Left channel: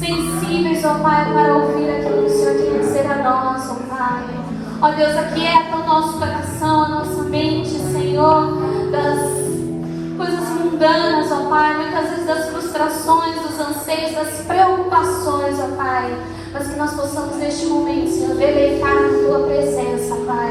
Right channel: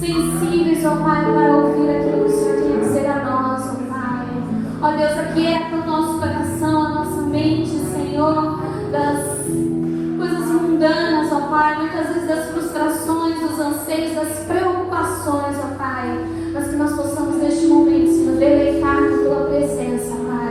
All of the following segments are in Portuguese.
Sensíveis, ó Pai, para ouvir aquilo que o Senhor tem a dizer a nós, ó Pai. Ó Deus, aquieta o nosso coração, a nossa mente, Senhor, das coisas mundanas, ó Pai, muitas vezes das frustrações, dos anseios, das preocupações, ó Pai, mas que nós possamos neste momento, Senhor, deleitar na Tua presença, Pai,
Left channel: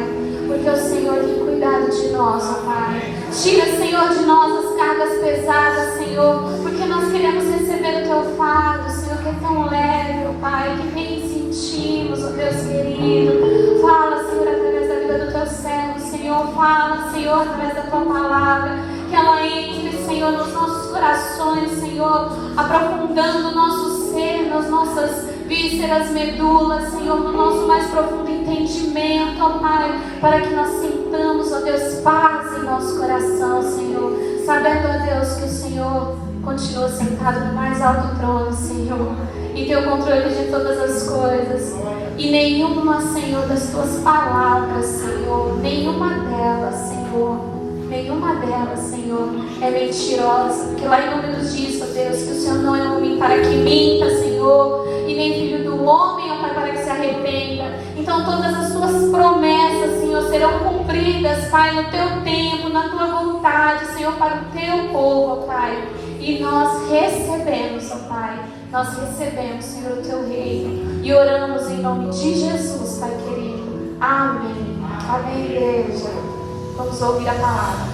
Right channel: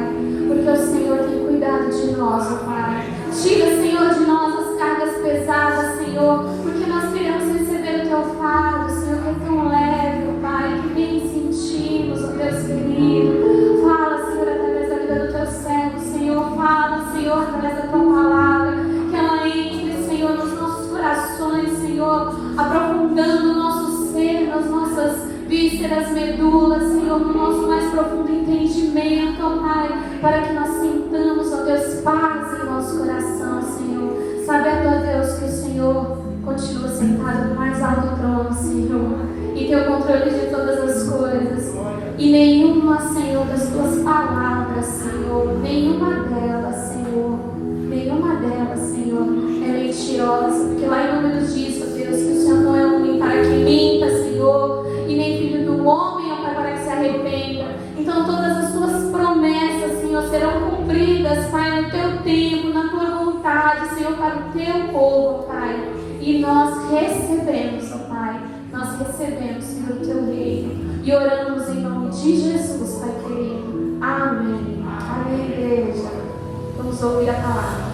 porque o Senhor tem cuidado de nós, ó Pai. Tira, Senhor, de nós as cargas pesadas, Senhor, porque nós queremos receber o Teu fardo, Senhor, que é tão leve, ó Pai, que nem sentimos, ó Deus querido. Fala, Senhor, através da vida do Teu servo, Senhor. Fala, Senhor, através da Tua palavra, que ela entre, Senhor, nos nossos corações, Senhor, aprofundando o nosso ser, nas nossas vísceras, medulas, Senhor, no nosso mais profundo entendimento, ó Pai, para que nós sintamos, ó Deus, paz em nosso coração, Senhor, sabendo, ó Deus, que o Senhor continua sentado no mais alto trono, Senhor, e tem o controle de todas as coisas, e nenhuma, Senhor, das Tuas palavras, Senhor, nenhuma delas, Senhor, é mentirosa, porque lá em Números diz, ó Deus, que o Senhor não é homem para que minta, Senhor, e nem filho do homem, ó Pai, para que se arrependa. Então todas as Suas promessas, Senhor, serão cumpridas, Pai, no Teu tempo, na Tua vontade, Senhor, para o Teu povo, ó Pai. E nós recebemos, ó Pai, Senhor, o Teu reino. E oramos em nome de Jesus, Pai querido. Amém. Amém, igreja. Vamos ouvir a palavra.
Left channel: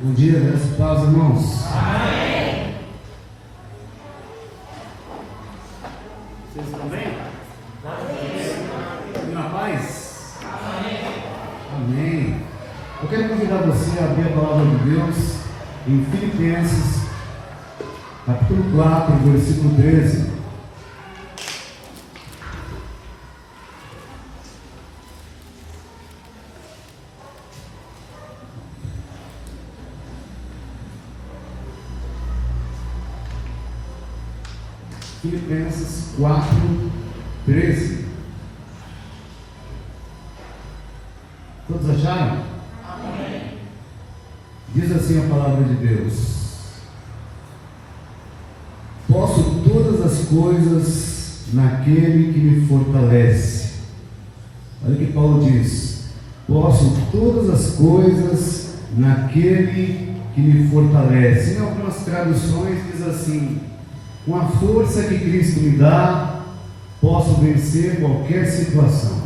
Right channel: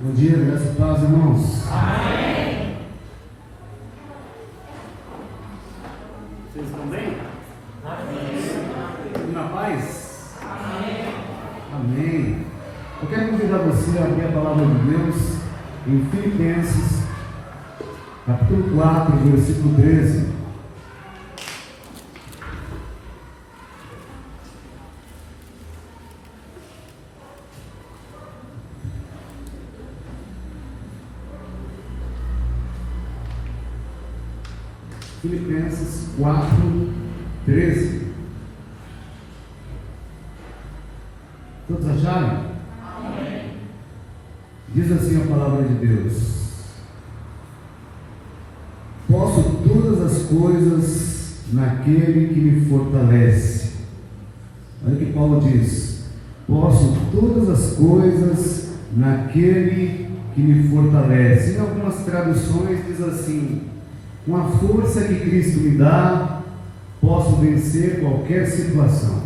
Bom dia, graças e paz, irmãos. Amém. Vocês estão bem? Amém. Na paz? Amém. Amém. Eu quero convidar você a abrir a palavra de Deus em Filipenses, capítulo 4, versículo 13. Filipenses 4, 13. Todos acharam? Amém. Diz assim a palavra de Deus: posso todas as coisas naquele que me fortalece. Olha o que Paulo diz: posso todas as coisas naquele que me fortalece. Em algumas traduções diz assim: com a força que Cristo me dá, posso vencer qualquer situação.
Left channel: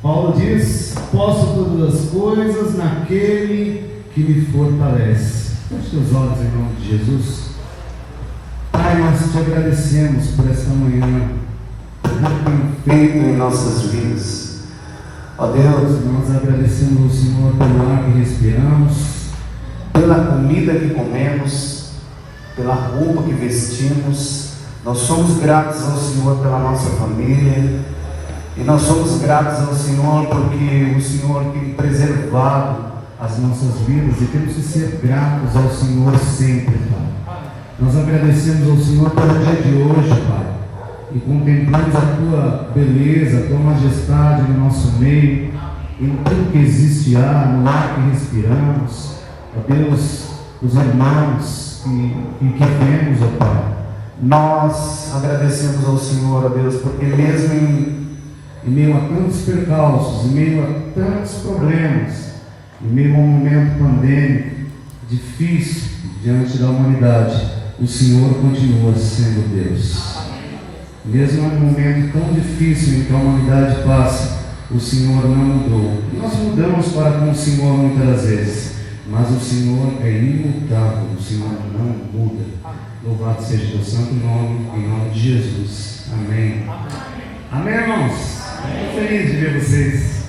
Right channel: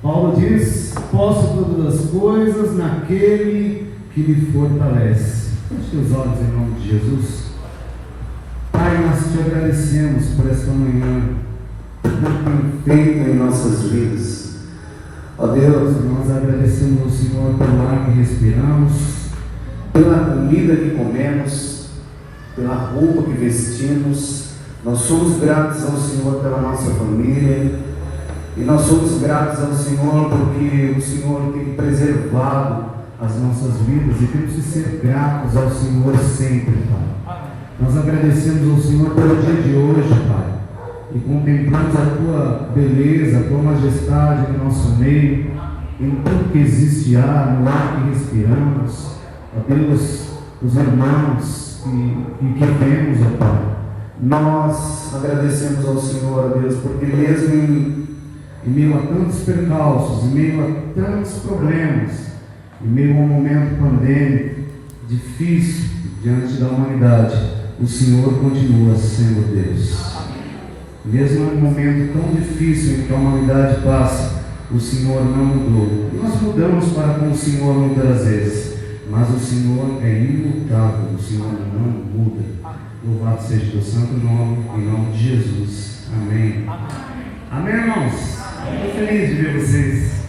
Paulo diz: posso todas as coisas naquele que me fortalece. Feche seus olhos em nome de Jesus. Pai, nós te agradecemos por esta manhã, por tudo que tem feito em nossas vidas. Ó Deus, nós agradecemos ao Senhor pelo ar que respiramos, pela comida que comemos, pela roupa que vestimos. Nós somos gratos ao Senhor pela nossa família, e nós somos gratos ao Senhor porque o Senhor tem preservado as nossas vidas, e temos que ser gratos ao Senhor sempre, Pai. Nós agradecemos ao Senhor pelo dia de hoje, Pai, e contemplamos a Tua beleza, a Tua majestade no nosso meio, em tudo que existe no ar que respiramos. Ó Deus, os irmãos que temos, ó Pai, nós agradecemos ao Senhor, ó Deus, porque mesmo em meio a tantos percalços, em meio a tantos problemas, em meio a um momento pandêmico difícil diante da humanidade, o Senhor continua sendo Deus. Mesmo em um momento tão difícil em que a humanidade passa, o Senhor não mudou. Nós mudamos para com o Senhor muitas vezes, mas o Senhor é imutável, o Senhor não muda. Louvado seja o teu santo nome, em nome de Jesus. Amém. Amém, irmãos? Estou feliz de ver vocês.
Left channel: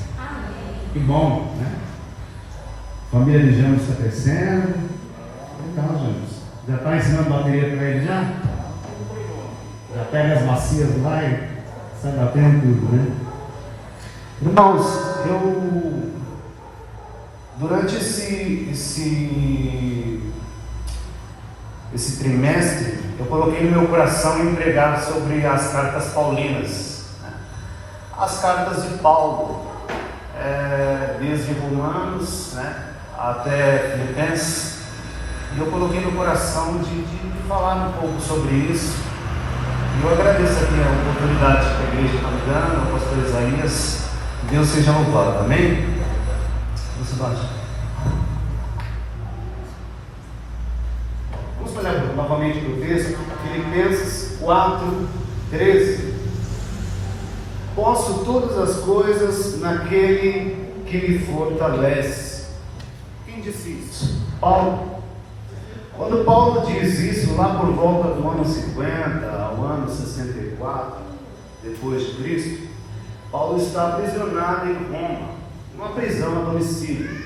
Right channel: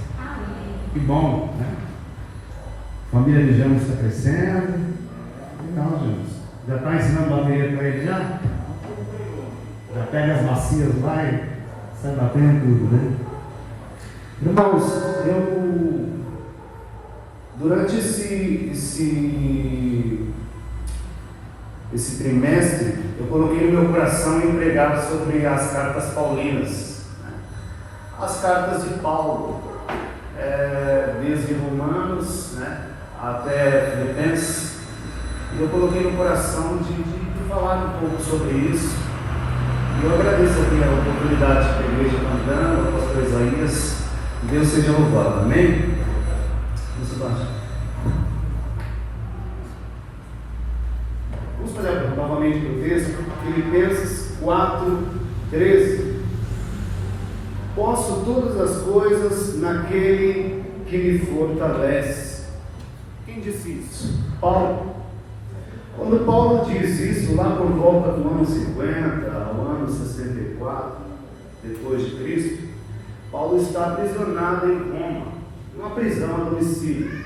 Que bom, né? A família de James está crescendo. Então, James, já está ensinando bateria para ele já? Já pega as bacias lá e sai batendo tudo, né? Irmãos, durante esse trimestre, eu coloquei no meu coração em pregar sobre as cartas paulinas, né? As cartas de Paulo, desde Romanos, né, até Filipenses. Eu coloquei no coração de falar um pouco sobre isso. Eu agradeço aqui a oportunidade que a igreja está me dando, ao pastor Isaías. Deus seja louvado, amém? Vamos baixar. Vamos olhar novamente para o texto, Filipenses 4:13. Posso todas as coisas naquele que me fortalece. Quem disse isso? Paulo. Quando Paulo diz isso, lá por volta do ano 50 ao ano 64, depois de Cristo, Paulo está aprisionado em Roma, numa prisão a domicílio.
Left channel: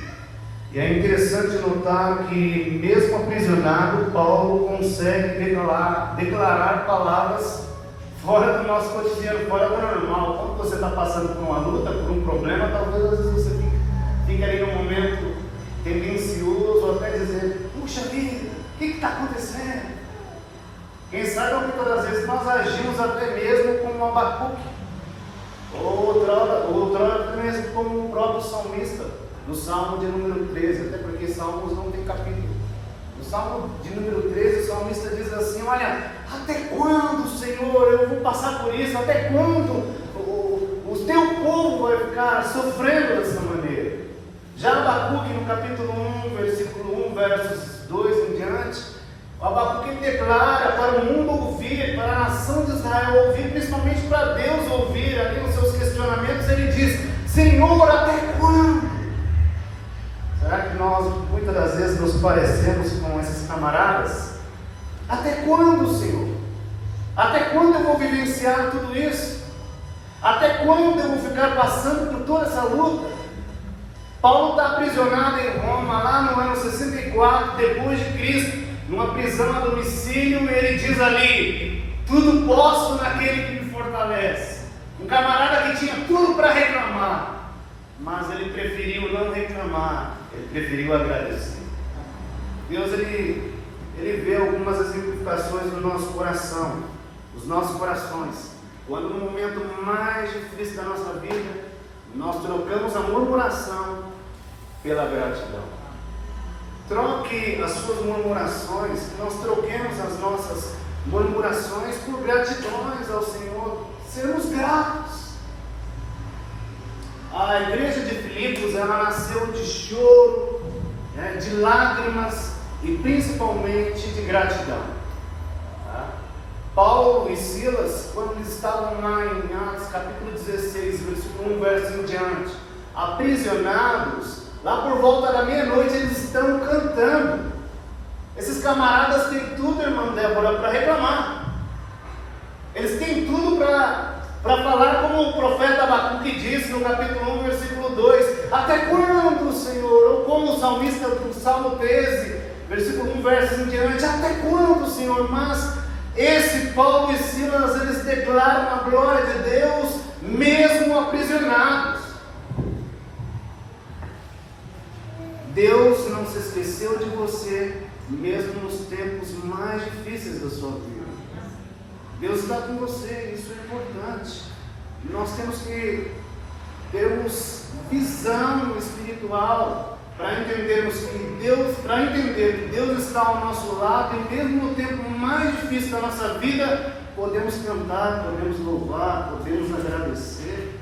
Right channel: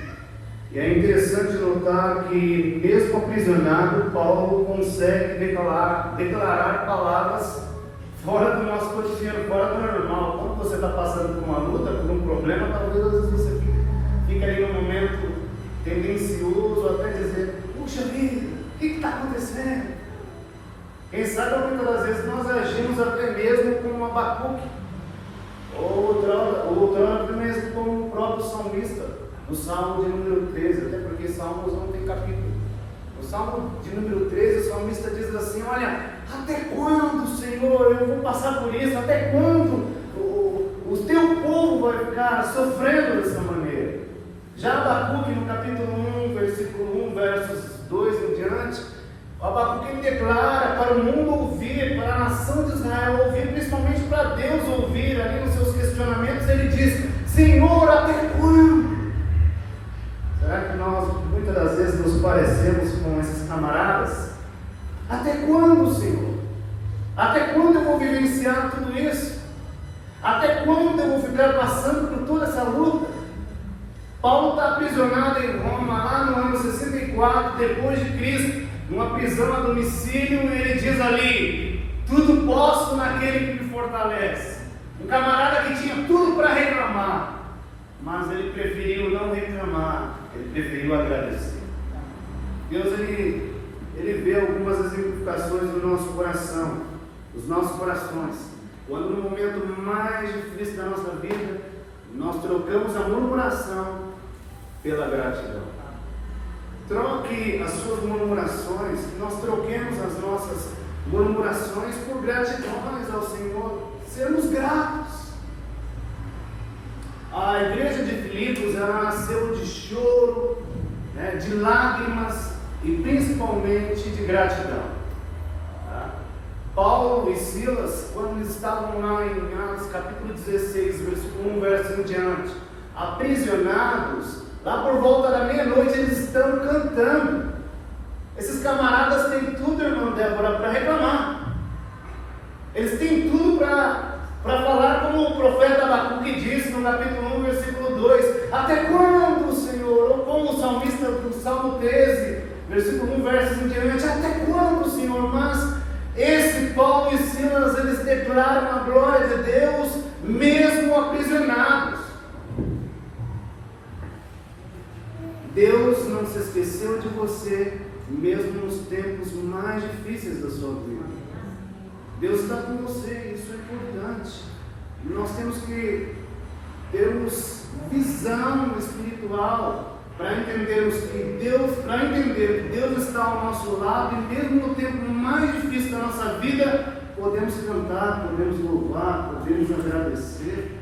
E é interessante notar que, mesmo aprisionado, Paulo consegue declarar palavras fora do nosso cotidiano, fora do normal. Quando você está passando por uma luta, por um problema, talvez às vezes você fique ali num momento tendencioso, até dizer: puxa vida, o que está acontecendo? Quem sabe muitas vezes nós agimos até mesmo como Abacuque, outrora mesmo como o próprio salmista, no Salmo de número 13, até porque Salmos não tem capítulo. No Salmo de número 13, o salmista diz assim: olha, até quando, Senhor, eu vou passar por isso? Até quando o teu povo vai ficar sofrendo dessa maneira? Já Abacuque, no capítulo 1, versículo 1, versos 2 em diante, o Abacuque declara para o mundo ouvir, para a nação de Israel ouvir, principalmente para Deus ouvir, ali nos seus questionamentos, ele diz: Senhor, até quando? Será que nós, muitas das vezes, nos parecemos com esses camaradas? Até quando, Senhor? Até quando eu vou vivenciar tudo isso? Até quando eu vou ficar passando por toda essa luta? Paulo está aprisionado em Roma, lá no ano 64, depois de Cristo, numa prisão a domicílio, e ele diz ali: tudo posso naquele que me fortalece. Um camarada que tinha tudo para reclamar, mas ele preferiu não reclamar, ele preferiu agradecer. Deus, ele vê algumas exemplificações do nosso coração, dos nossos corações, quando no momento mais difícil da nossa vida, nós trocamos a murmuração pela gratidão. Troque as suas murmurações, nós troquemos as nossas murmurações por gratidões ao Senhor, sermos gratos. A igreja de Filipos, ela nasceu de choro, de lágrimas e principalmente de gratidão. Paulo e Silas, quando eles estavam lá em Atos capítulo 16, versículo 1, verso em diante, aprisionados, lá por volta da meia-noite eles estão cantando. Esses camaradas têm tudo, irmã Débora, para reclamar. Eles têm tudo para falar, como o profeta Abacuque disse no capítulo 1, versículo 2: até quando, Senhor? Ou como o salmista do Salmo 13, versículo 1, versos em diante: até quando, Senhor? Mas esse Paulo e Silas, eles declaram a glória de Deus, mesmo aprisionados. Deus não se esqueceu de você, mesmo nos tempos mais difíceis da sua vida. Deus está com você, isso é importante. E nós temos que termos visão espiritual para entendermos que Deus está ao nosso lado, e mesmo no tempo mais difícil da nossa vida, podemos cantar, podemos louvar, podemos agradecer.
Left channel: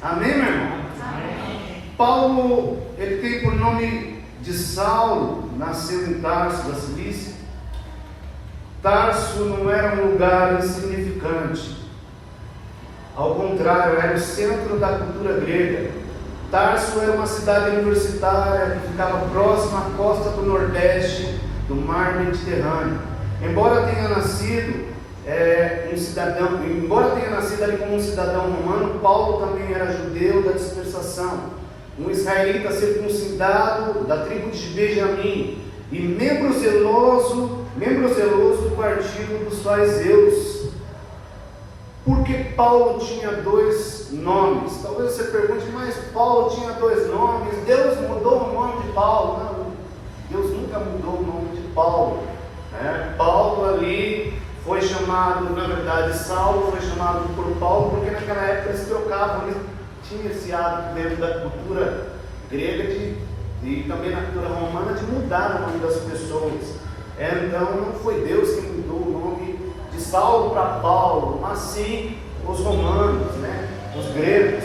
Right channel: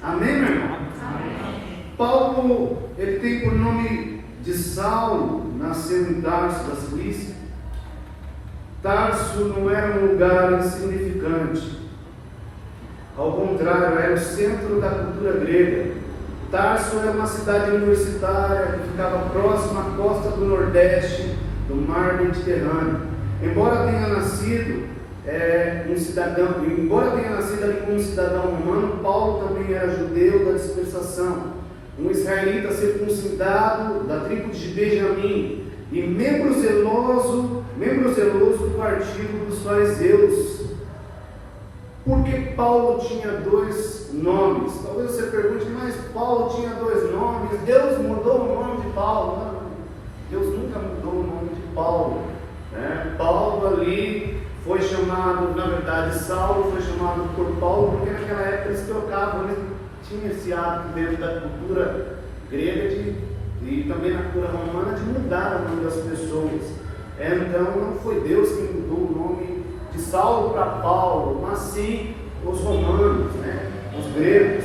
Amém, meu irmão? Amém. Paulo, ele tem por nome de Saulo, nasceu em Tarso da Cilícia. Tarso não era um lugar insignificante. Ao contrário, era o centro da cultura grega. Tarso era uma cidade universitária que ficava próxima à costa do Nordeste do mar Mediterrâneo. Embora tenha nascido ali como um cidadão romano, Paulo também era judeu da dispersação, um israelita circuncidado da tribo de Benjamim e membro zeloso do partido dos fariseus. Por que Paulo tinha dois nomes? Talvez você pergunte, mas Paulo tinha dois nomes, Deus mudou o nome de Paulo? Não, Deus nunca mudou o nome de Paulo, né? Paulo ali foi chamado, na verdade, Saulo foi chamado por Paulo, porque naquela época eles trocavam, eles tinham esse hábito dentro da cultura grega e também na cultura romana de mudar o nome das pessoas. Então não foi Deus que mudou o nome de Saulo para Paulo, mas sim os romanos, né? Os gregos.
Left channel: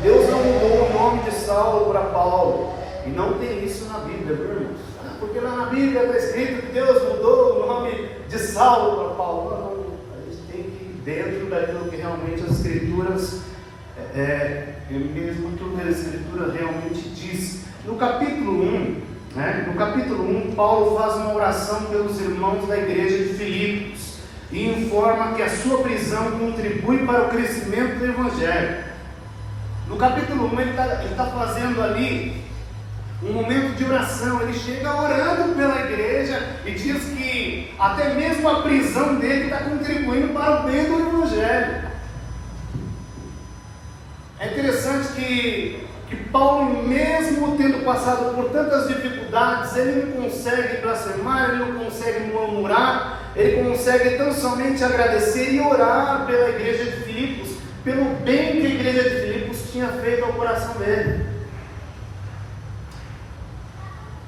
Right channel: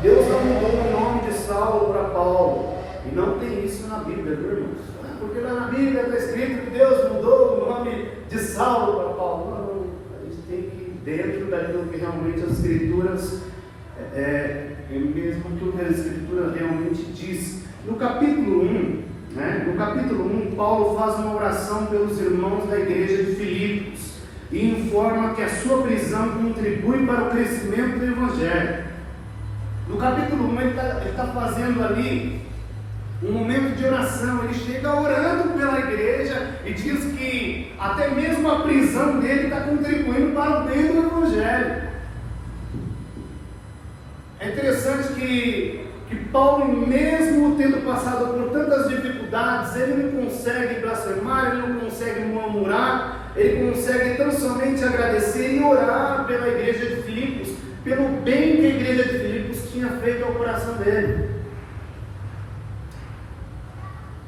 Deus não mudou o nome de Saulo para Paulo, e não tem isso na Bíblia, viu, irmãos? Porque lá na Bíblia está escrito que Deus mudou o nome de Saulo para Paulo. Não, a gente tem que ir dentro daquilo que realmente as Escrituras, mesmo que a Escritura realmente diz. No capítulo 1, Paulo faz uma oração pelos irmãos da igreja de Filipos e informa que a sua prisão contribui para o crescimento do Evangelho. No capítulo 1, ele está fazendo ali um momento de oração. Ele chega orando pela igreja e diz que até mesmo a prisão dele está contribuindo para o bem do Evangelho. É interessante que Paulo, mesmo tendo passado por tantas dificuldades, ele não consegue blasfemar, ele não consegue murmurar, ele consegue tão somente agradecer e orar pela igreja de Filipos, pelo bem que a igreja de Filipos tinha feito ao coração dele.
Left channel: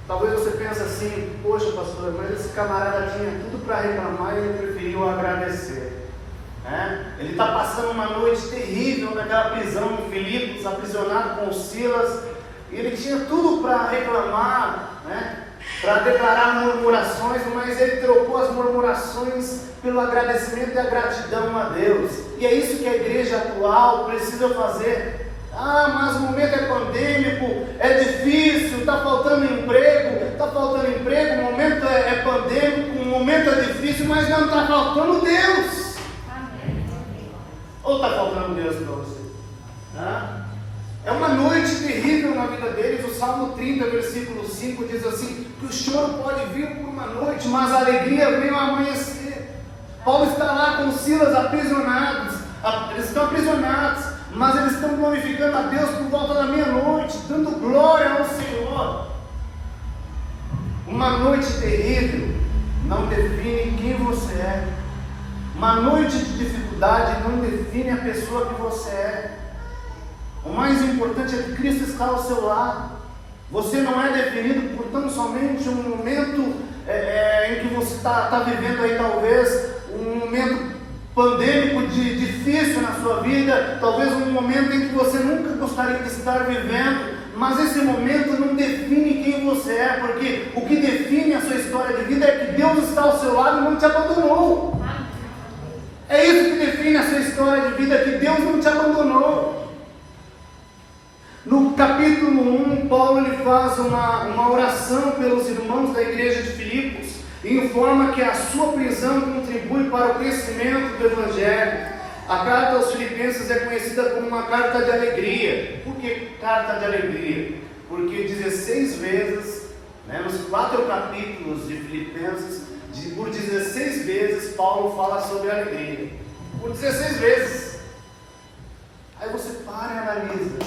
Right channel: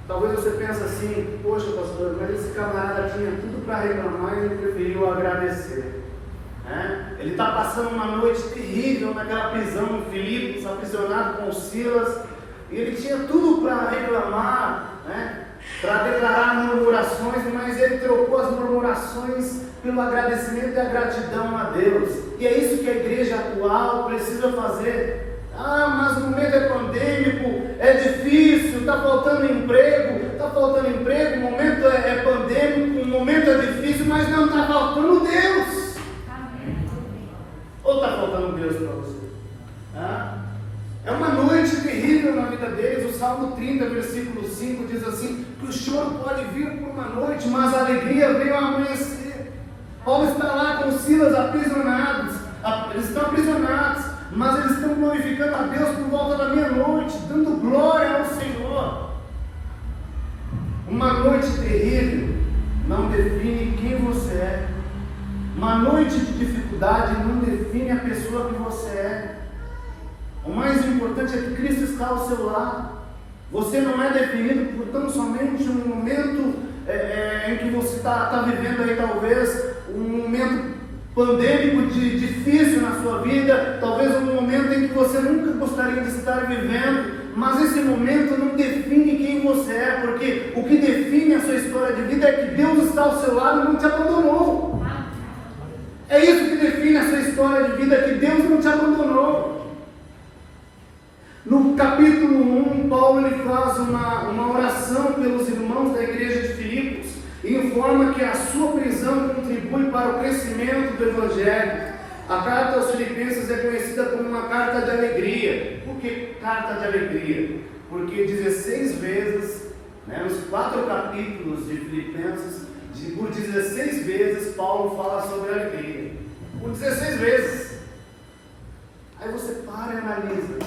Talvez você pense assim, poxa pastor, mas esse camarada tinha tudo para reclamar e ele preferiu agradecer. Ele está passando uma noite terrível naquela prisão em Filipos, aprisionado com Silas, e ele tinha tudo para reclamar, para declarar murmurações, mas ele trocou as murmurações pelo agradecimento e a gratidão a Deus. E é isso que a igreja atual precisa fazer. Mas o momento é pandêmico, é difícil, está faltando emprego, o momento é pandêmico, o momento é difícil, mas não está faltando Deus. Ou está faltando Deus para você? É uma noite terrível na vida deles. O Salmo 30, versículo 5 diz assim, que o choro pode vir por uma noite, mas a alegria vem ao amanhecer. Paulo está lá com Silas aprisionados, eles estão aprisionados, mas eles estão glorificando a Deus por volta da meia-noite, dando glória ao Senhor. Uma noite terrível não define quem você é. Uma noite de dificuldade não define a pessoa que você é. O mais importante é que Cristo está ao seu lado. Você não é definido por tão somente um momento em que você está vivendo aí, talvez um momento pandêmico difícil na sua vida, talvez um momento em que você nunca gostaria de estar vivendo, mas esse momento não define quem você é, porque o que define a sua história de vida é que Deus está ao seu lado e não te abandonou. É isso que define a sua história de vida, que Deus não te abandonou. No capítulo 1, Paulo ele faz uma oração pelos irmãos da igreja de Filipos e informa que a sua prisão contribui para o crescimento do Evangelho. A carta aos Filipenses é conhecida como uma carta de alegria. Por que carta de alegria? Porque 16 vezes, nos 4 capítulos de Filipenses, por 16 vezes Paulo fala sobre alegria. Por 16 vezes. Aí você para e analisa.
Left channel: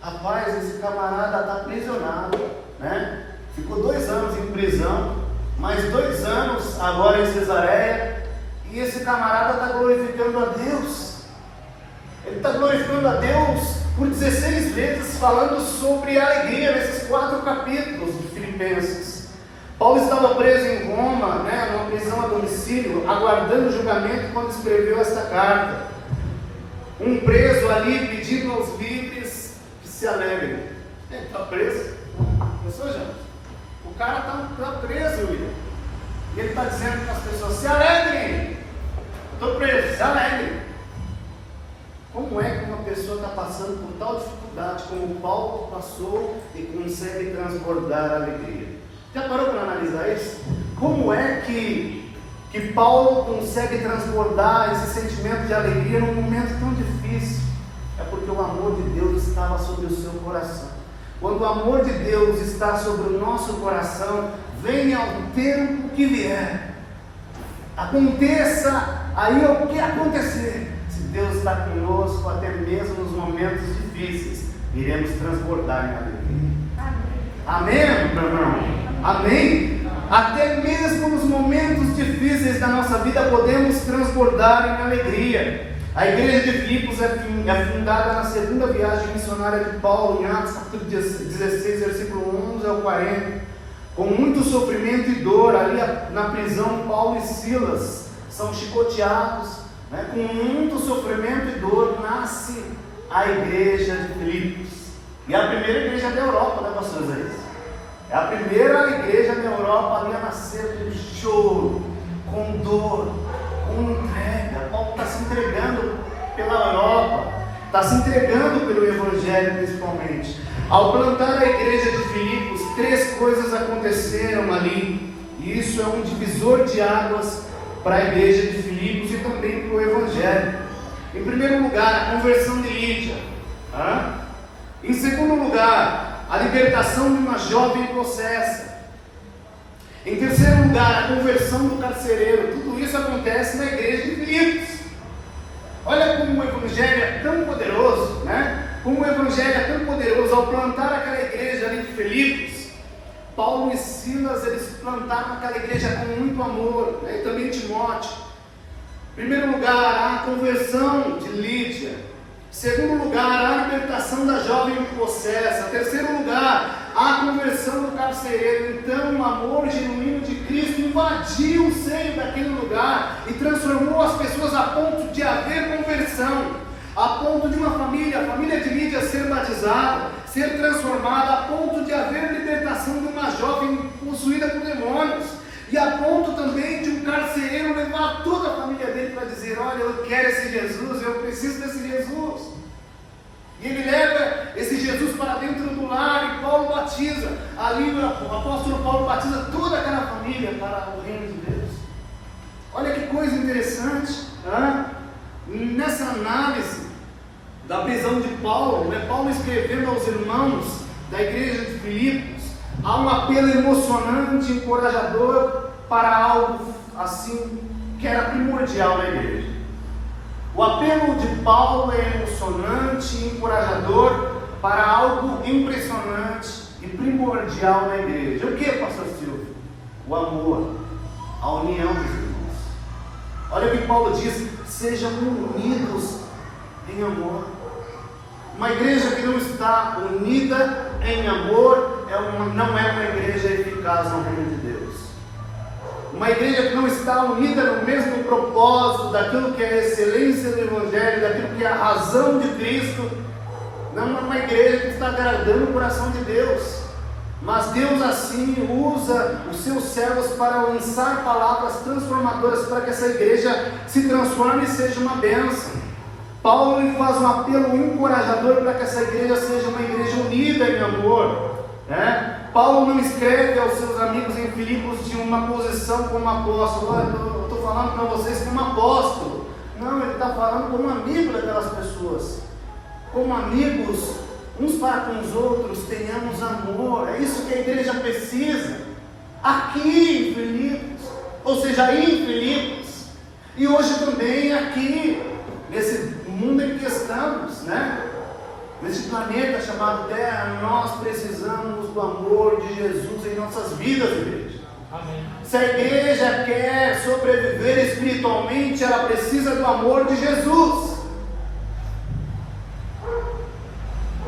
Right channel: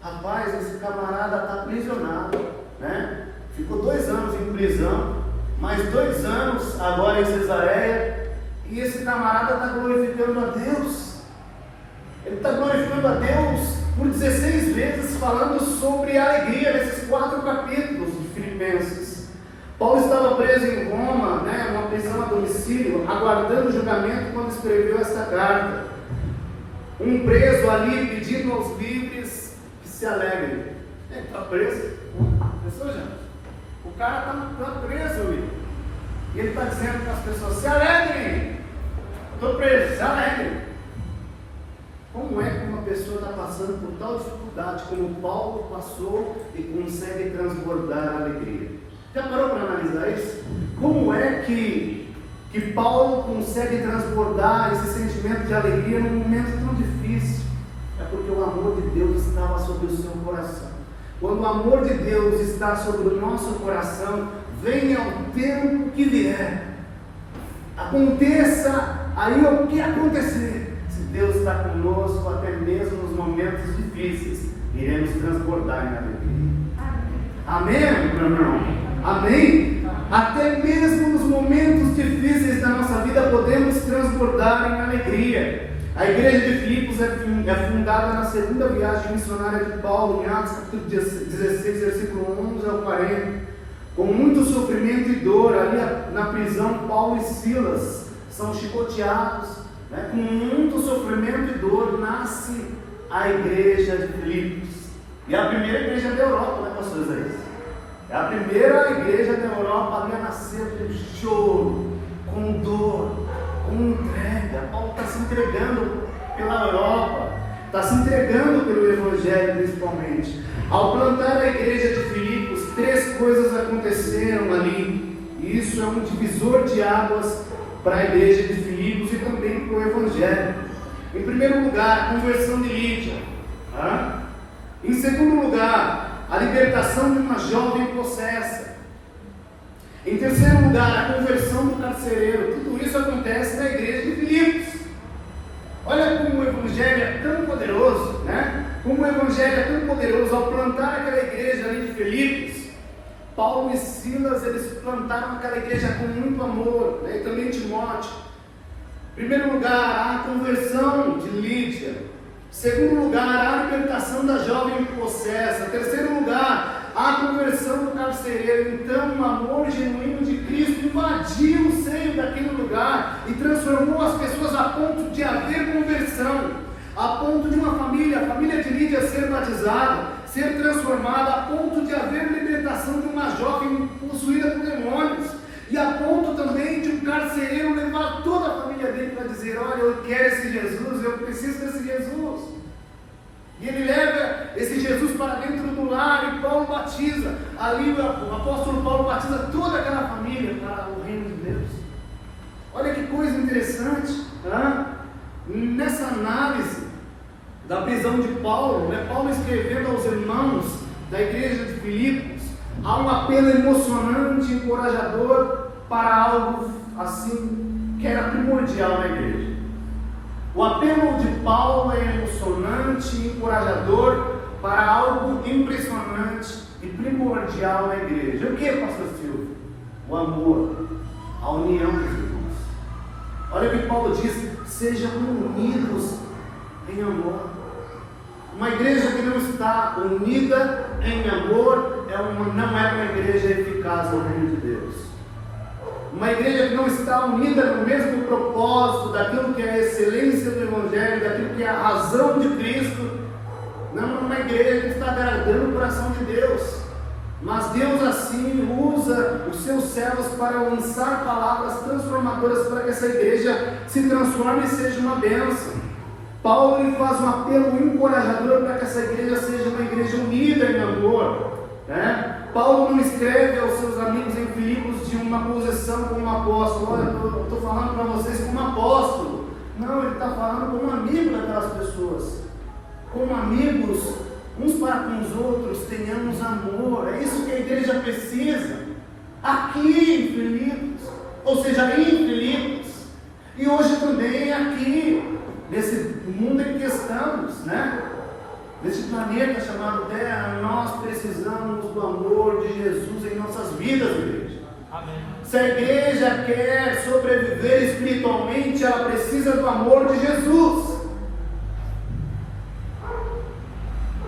Rapaz, esse camarada está aprisionado, Ficou 2 anos em prisão, mais 2 anos agora em Cesareia, e esse camarada está glorificando a Deus. Ele está glorificando a Deus por 16 vezes, falando sobre alegria nesses 4 capítulos de Filipenses. Paulo estava preso em Roma, numa prisão a domicílio, aguardando o julgamento quando escreveu esta carta. Um preso ali pedindo aos livres que se alegrem. Ele está preso. Pessoal, já? O cara está preso, William. E ele está dizendo para as pessoas: se alegrem. Estou preso, se alegrem. Como é que uma pessoa está passando por tal dificuldade como Paulo passou e consegue transbordar a alegria? Já parou para analisar isso? Como é que Paulo consegue transbordar esse sentimento de alegria num momento tão difícil? É porque o amor de Deus estava sobre o seu coração. Quando o amor de Deus está sobre o nosso coração, venha o tempo que vier, aconteça aí o que acontecer, se Deus está conosco, até mesmo nos momentos difíceis, iremos transbordar em alegria. Amém, meu irmão? Amém? Até mesmo nos momentos difíceis da nossa vida podemos transbordar em alegria. A igreja de Filipos é fundada na segunda viagem missionária de Paulo, em Atos capítulo 16, versículo 11 ao 40. Com muito sofrimento e dor, ali na prisão, Paulo e Silas são chicoteados. Com muito sofrimento e dor, nasce a igreja de Filipos. E é a primeira igreja da Europa, né, pastor Isaías? É a primeira igreja da Europa ali a nascer com choro, com dor, com entrega. Paulo está se entregando pela Europa, está se entregando pelo Evangelho principalmente. Ao plantar a igreja de Filipos, 3 coisas aconteceram ali, e isso é um divisor de águas para a igreja de Filipos e também para o Evangelho. Em primeiro lugar, a conversão de Lídia. Em segundo lugar, a libertação de uma jovem possessa. Em terceiro lugar, a conversão do carcereiro. Tudo isso acontece na igreja de Filipos. Olha como o Evangelho é tão poderoso, né? Como o Evangelho é tão poderoso. Ao plantar aquela igreja ali de Filipos, Paulo e Silas, eles plantaram aquela igreja com muito amor, né? E também Timóteo. Em primeiro lugar, a conversão de Lídia. Em segundo lugar, a libertação da jovem possessa. Em terceiro lugar, a conversão do carcereiro. Então, o amor genuíno de Cristo invadiu o seio daquele lugar e transformou as pessoas a ponto de haver conversão, a ponto de uma família, a família de Lídia, ser batizada, ser transformada, a ponto de haver libertação de uma jovem possuída por demônios, e a ponto também de um carcereiro levar toda a família dele para dizer: olha, eu quero esse Jesus, eu preciso desse Jesus. E ele leva esse Jesus para dentro do lar, e Paulo batiza. Ali o apóstolo Paulo batiza toda aquela família para o reino de Deus. Olha que coisa interessante, nessa análise da prisão de Paulo, Paulo escrevendo aos irmãos da igreja de Filipos, há um apelo emocionante, encorajador para algo assim que era primordial na igreja. O apelo de Paulo é emocionante e encorajador para algo impressionante e primordial na igreja. O que, pastor Silvio? O amor, a união dos irmãos. Olha o que Paulo diz: sejam unidos em amor. Uma igreja que não está unida em amor não é uma igreja eficaz no reino de Deus. Uma igreja que não está unida no mesmo propósito daquilo que é a excelência do Evangelho, daquilo que é a razão de Cristo, não é uma igreja que está agradando o coração de Deus. Mas Deus assim usa os seus servos para lançar palavras transformadoras para que essa igreja se transforme e seja uma bênção. Paulo ele faz um apelo encorajador para que essa igreja seja uma igreja unida em amor. Paulo não escreve aos seus amigos em Filipos de uma posição como apóstolo. Olha, eu estou falando para vocês como apóstolo. Não, ele está falando como amigo daquelas pessoas. Como amigos, uns para com os outros, tenhamos amor. É isso que a igreja precisa. Aqui em Filipos, ou seja, em Filipos, e hoje também aqui, nesse mundo em que estamos, nesse planeta chamado Terra, nós precisamos do amor de Jesus em nossas vidas, igreja. Amém. Se a igreja quer sobreviver espiritualmente, ela precisa do amor de Jesus.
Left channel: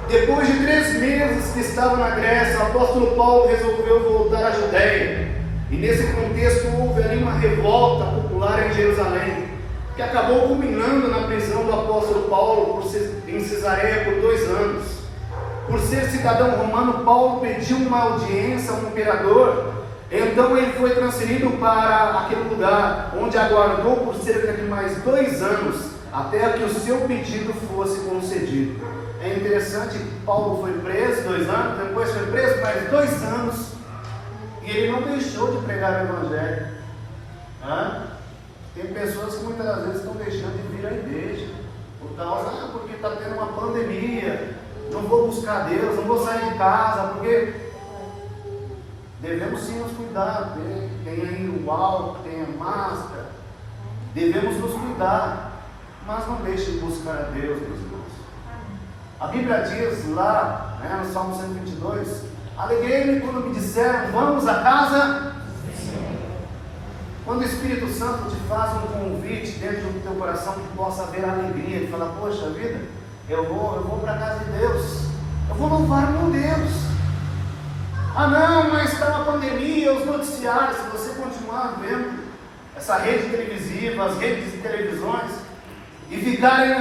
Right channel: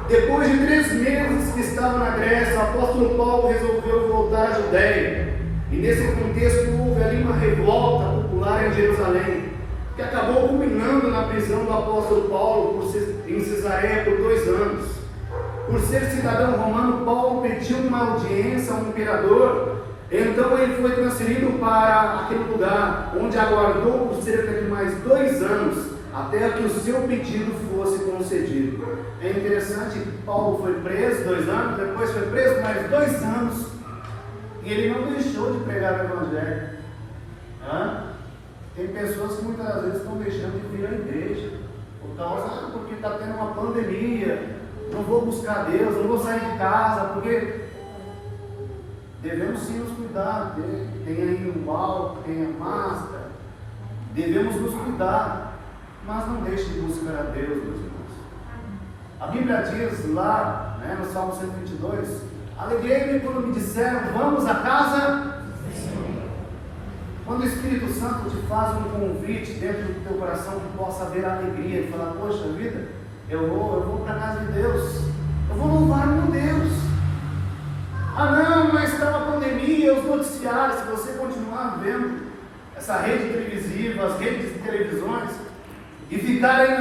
Depois de 3 meses que estava na Grécia, o apóstolo Paulo resolveu voltar à Judéia. E nesse contexto houve ali uma revolta popular em Jerusalém. que acabou culminando na prisão do apóstolo Paulo em Cesareia por 2 anos. Por ser cidadão romano, Paulo pediu uma audiência ao imperador. Então ele foi transferido para aquele lugar, onde aguardou por cerca de mais 2 anos, até que o seu pedido fosse concedido. É interessante que Paulo foi preso 2 anos, depois foi preso mais 2 anos, e ele não deixou de pregar o Evangelho. Tem pessoas que muitas vezes estão deixando de vir à igreja, por causa, porque está tendo uma pandemia, não vou buscar Deus, não vou sair de casa, porque devemos sim nos cuidar, tem aí o álcool, tem a máscara, devemos nos cuidar, mas não deixe de buscar a Deus, meus irmãos. A Bíblia diz lá, no Salmo 122, alegrei-me quando me disseram, vamos à casa. Quando o Espírito Santo te faz um convite dentro do teu coração, que possa haver alegria, e falar, poxa vida, eu vou para a casa de Deus, eu vou louvar meu Deus. Ah não, mas está uma pandemia, os noticiários, se você continuar vendo essa rede televisiva, as redes de televisões, e ficarem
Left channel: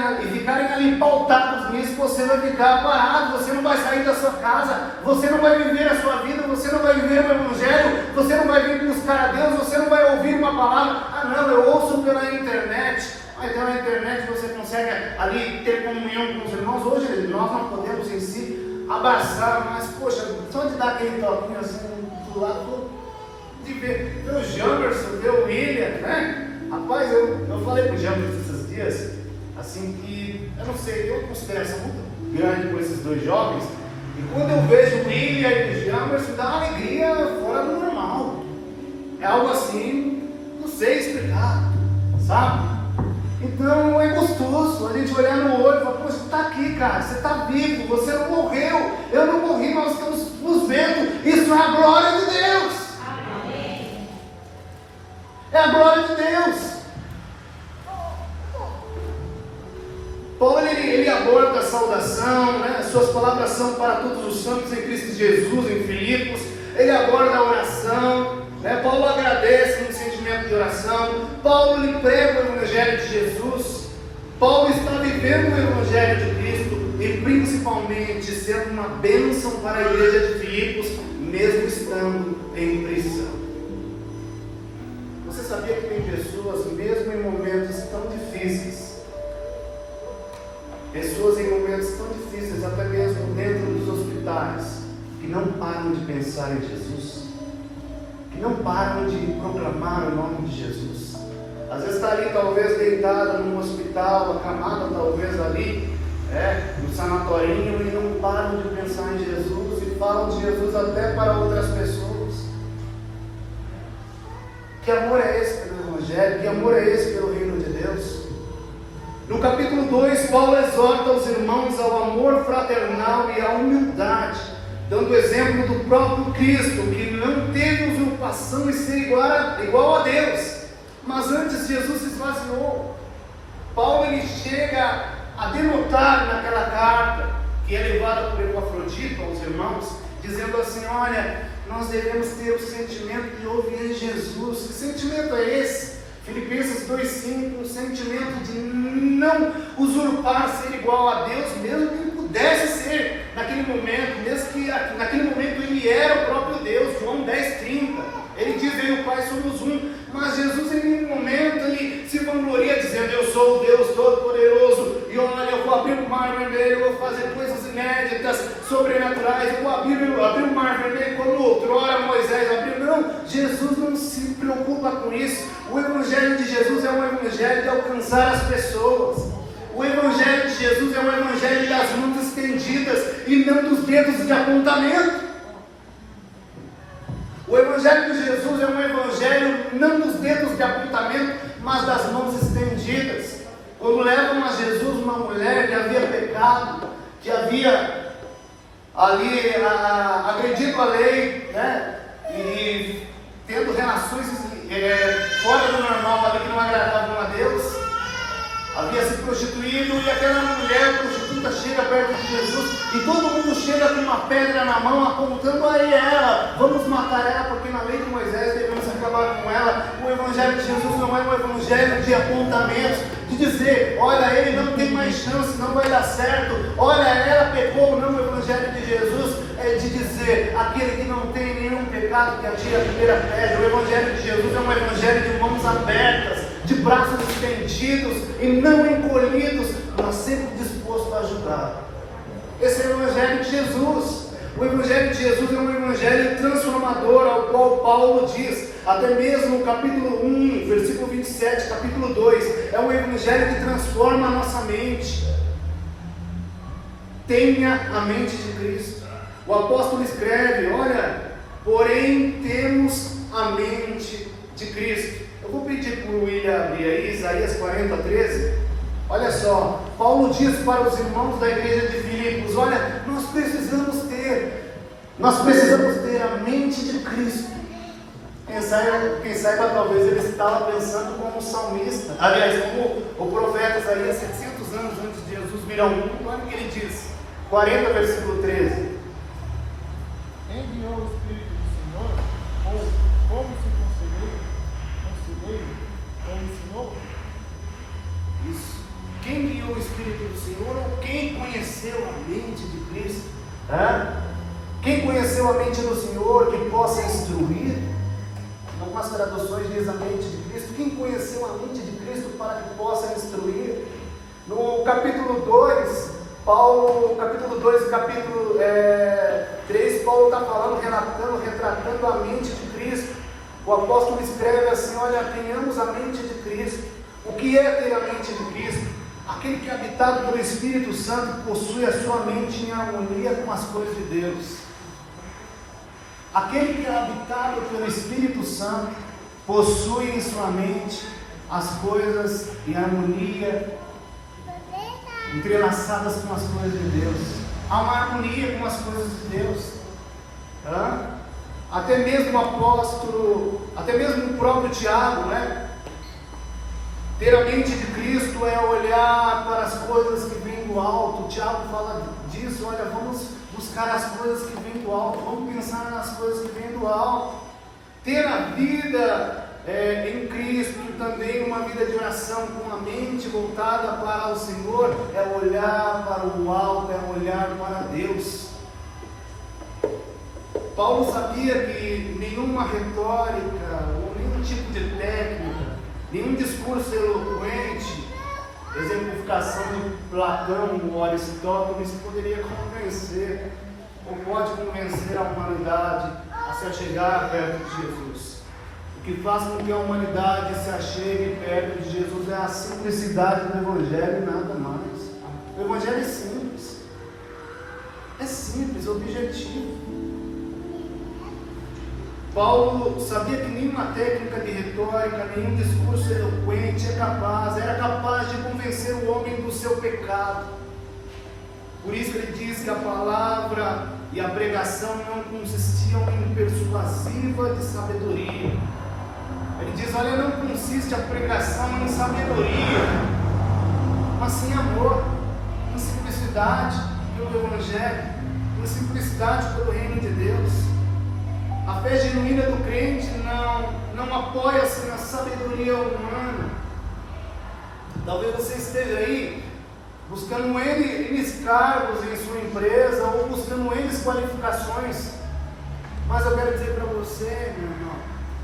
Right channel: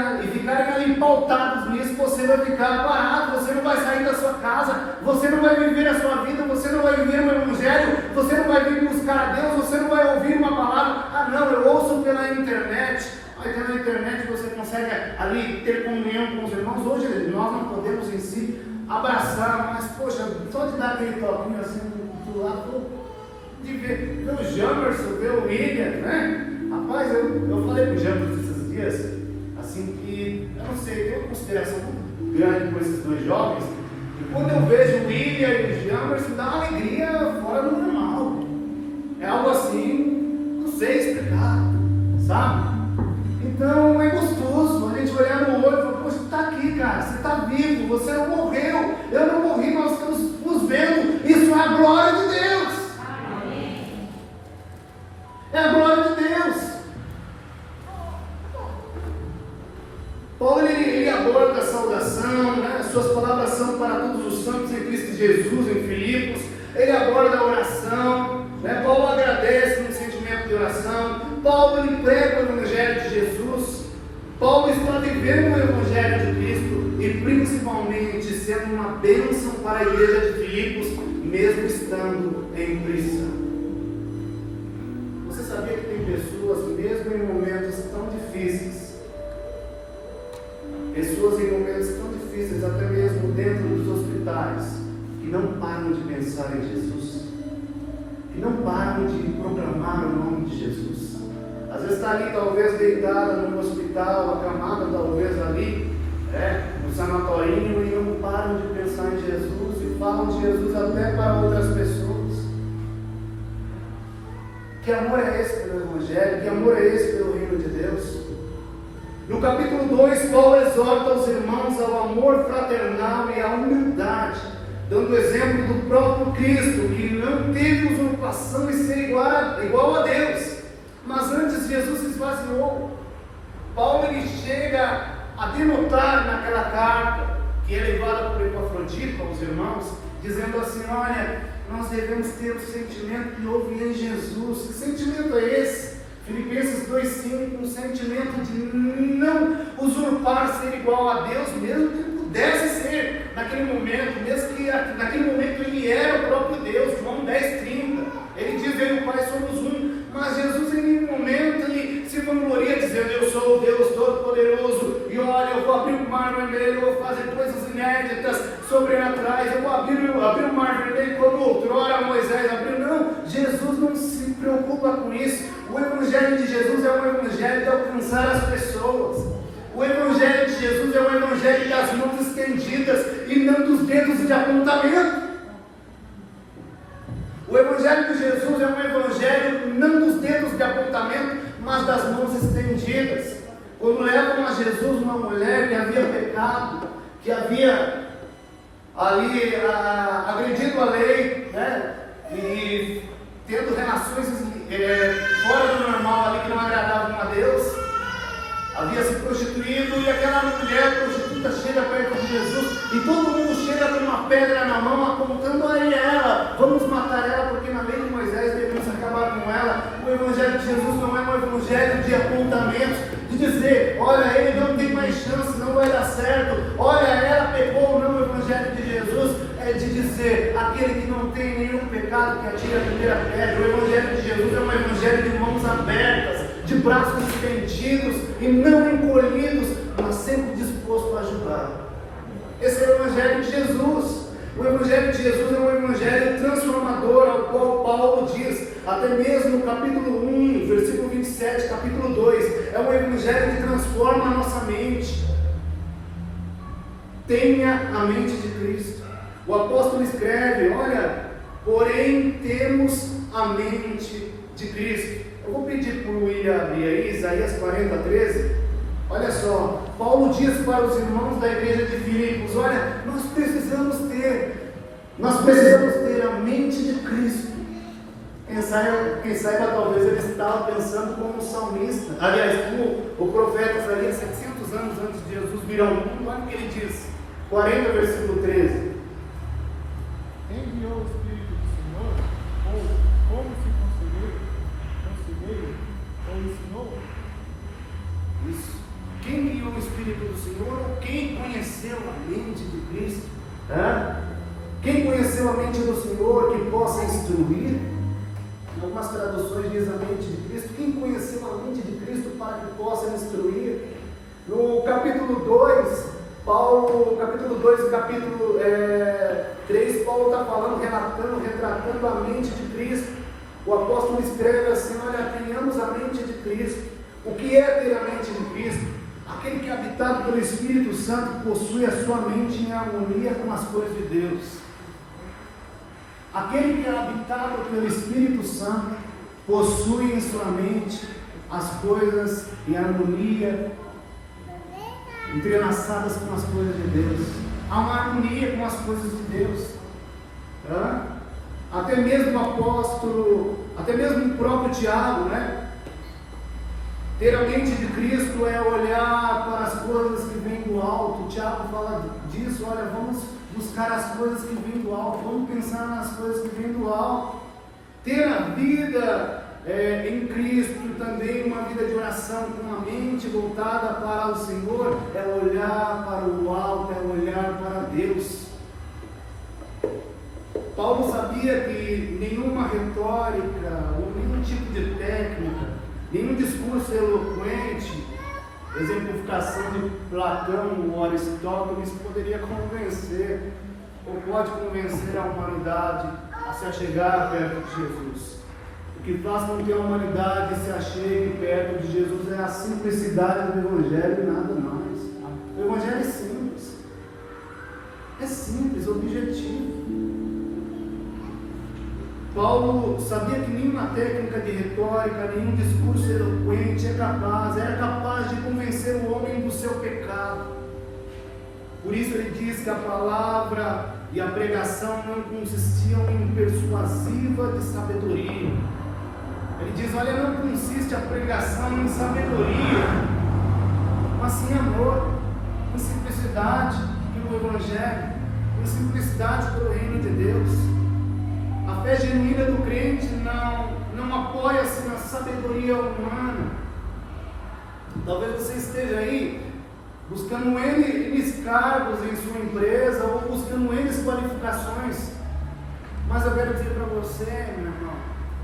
ali pautados nisso, você vai ficar parado, você não vai sair da sua casa, você não vai viver a sua vida, você não vai viver o Evangelho, você não vai vir buscar a Deus, você não vai ouvir uma palavra. Ah não, eu ouço pela internet. Mas pela internet você consegue ali ter comunhão com os irmãos. Hoje nós não podemos em si abraçar, mas poxa, só de dar aquele toquinho assim do lado, de ver o Jamerson, ver o William, né? Rapaz, eu falei com o Jamerson esses dias, assim, que eu não sei, tem uma consideração muito grande por esses 2 jovens, e quando eu vejo o William e o Jamerson, dá uma alegria fora do normal. É algo assim, não sei explicar, sabe? Então é gostoso a gente olhar no olho e falar, poxa, você está aqui, cara, você está vivo, você não morreu, eu não morri, nós estamos nos vendo, isso é a glória de Deus. Amém. É a glória de Deus. Paulo ele aborda a saudação, suas palavras são para todos os santos em Cristo Jesus, em Filipos, ele aborda a oração. Paulo agradece no sentimento de oração. Paulo ele prega o Evangelho de Jesus. Paulo está vivendo o Evangelho de Cristo e principalmente sendo uma bênção para a igreja de Filipos, mesmo estando em prisão. Você sabia que tem pessoas, mesmo em momentos tão difíceis, pessoas em momentos tão difíceis, até mesmo dentro dos hospitais, que não param de pensar em Jesus, que não param de proclamar o nome de Jesus. Às vezes está ali talvez deitada num hospital, acamada talvez ali, no sanatorinho, e não param de pensar em Jesus e falam de Jesus até para outras pessoas. Que amor é esse pelo Evangelho? Que amor é esse pelo reino de Deus? No capítulo 2, Paulo exorta os irmãos ao amor fraternal e à humildade, dando exemplo do próprio Cristo, que não teve usurpação em ser igual a Deus, mas antes Jesus se esvaziou. Paulo ele chega a denotar naquela carta, que é levada por Epafrodito aos irmãos, dizendo assim, olha, nós devemos ter o sentimento que houve em Jesus. Que sentimento é esse? Filipenses 2,5, um sentimento de não usurpar ser igual a Deus, mesmo que ele pudesse ser naquele momento, mesmo que naquele momento ele era o próprio Deus. João 10,30, ele diz, eu e o Pai somos um, mas Jesus em nenhum momento ele se vangloria dizendo, eu sou o Deus Todo-Poderoso, e olha, eu vou abrir o mar vermelho, eu vou fazer coisas inéditas, sobrenaturais, eu vou abrir o mar vermelho como outrora Moisés abriu. Não, Jesus não se preocupa com isso. O Evangelho de Jesus é um Evangelho de alcançar as pessoas. O Evangelho de Jesus é um Evangelho das mãos estendidas e não dos dedos de apontamento. O Evangelho de Jesus é um Evangelho não dos dedos de apontamento, mas das mãos estendidas. Quando levam a Jesus uma mulher que havia pecado, que havia ali agredido a lei, e tendo relações fora do normal ali, que não agradavam a Deus, havia se prostituído, e aquela mulher prostituta chega perto de Jesus, e todo mundo chega com uma pedra na mão, apontando a ela, vamos matar ela, porque na lei de Moisés devemos acabar com ela. O Evangelho de Jesus não é um Evangelho de apontamentos, de dizer, olha, ele não tem mais chance, não vai dar certo, olha, ela pecou. Não, o Evangelho de Jesus é de dizer, aquele que não tem nenhum pecado que atire a primeira pedra. O Evangelho de Jesus é um Evangelho de mãos abertas, de braços estendidos e não encolhidos, mas sempre disposto a ajudar. Esse é o Evangelho de Jesus. O Evangelho de Jesus é um Evangelho transformador, ao qual Paulo diz, até mesmo no capítulo 1, versículo 27, capítulo 2, é um Evangelho que transforma a nossa mente. Tenha a mente de Cristo. O apóstolo escreve, olha, porém temos a mente de Cristo. Eu vou pedir para o William abrir aí, Isaías 40, 13. Olha só, Paulo diz para os irmãos da igreja de Filipos, olha, nós precisamos ter a mente de Cristo. Quem saiba, talvez ele estava pensando como salmista, aliás, como o profeta Isaías, 700 anos antes de Jesus vir ao mundo. Olha o que ele diz, 40, versículo 13. Enviou o Espírito do Senhor, ou como se concedeu, ou ensinou? Isso. Quem guiou o Espírito do Senhor, ou quem conheceu a mente de Cristo? Quem conheceu a mente do Senhor que possa instruir? Em algumas traduções diz a mente de Cristo. Quem conheceu a mente de Cristo para que possa instruir? No capítulo 2, capítulo 2 e capítulo 3, Paulo está falando, retratando a mente de Cristo. O apóstolo escreve assim, olha, tenhamos a mente de Cristo. O que é ter a mente de Cristo? Aquele que é habitado pelo Espírito Santo possui a sua mente em harmonia com as coisas de Deus. Aquele que é habitado pelo Espírito Santo possui em sua mente as coisas em harmonia, entrelaçadas com as coisas de Deus. Há uma harmonia com as coisas de Deus. Até mesmo o apóstolo, até mesmo o próprio Tiago, né? Ter a mente de Cristo é olhar para as coisas que vêm do alto. O Tiago fala disso, olha, vamos buscar as coisas que vêm do alto, vamos pensar nas coisas que vêm do alto. Ter a vida em Cristo, também uma vida de oração com a mente voltada para o Senhor, é olhar para o alto, é olhar para Deus. Paulo sabia que nenhuma retórica, ou nenhum tipo de técnica, nenhum discurso eloquente, exemplificação de Platão ou Aristóteles poderia convencer, ou pode convencer a humanidade a se achegar perto de Jesus. O que faz com que a humanidade se achegue perto de Jesus é a simplicidade do Evangelho e nada mais. O Evangelho é simples, objetivo. Paulo sabia que nenhuma técnica de retórica, nenhum discurso eloquente era capaz de convencer o homem do seu pecado. Por isso ele diz que a palavra e a pregação não consistiam em persuasiva de sabedoria. Ele diz, olha, não consiste a pregação em sabedoria, mas sim amor, em simplicidade pelo Evangelho, em simplicidade pelo reino de Deus. A fé genuína do crente não apoia-se na sabedoria humana. Talvez você esteja aí buscando N cargos em sua empresa ou buscando N qualificações. Mas eu quero dizer para você, meu irmão,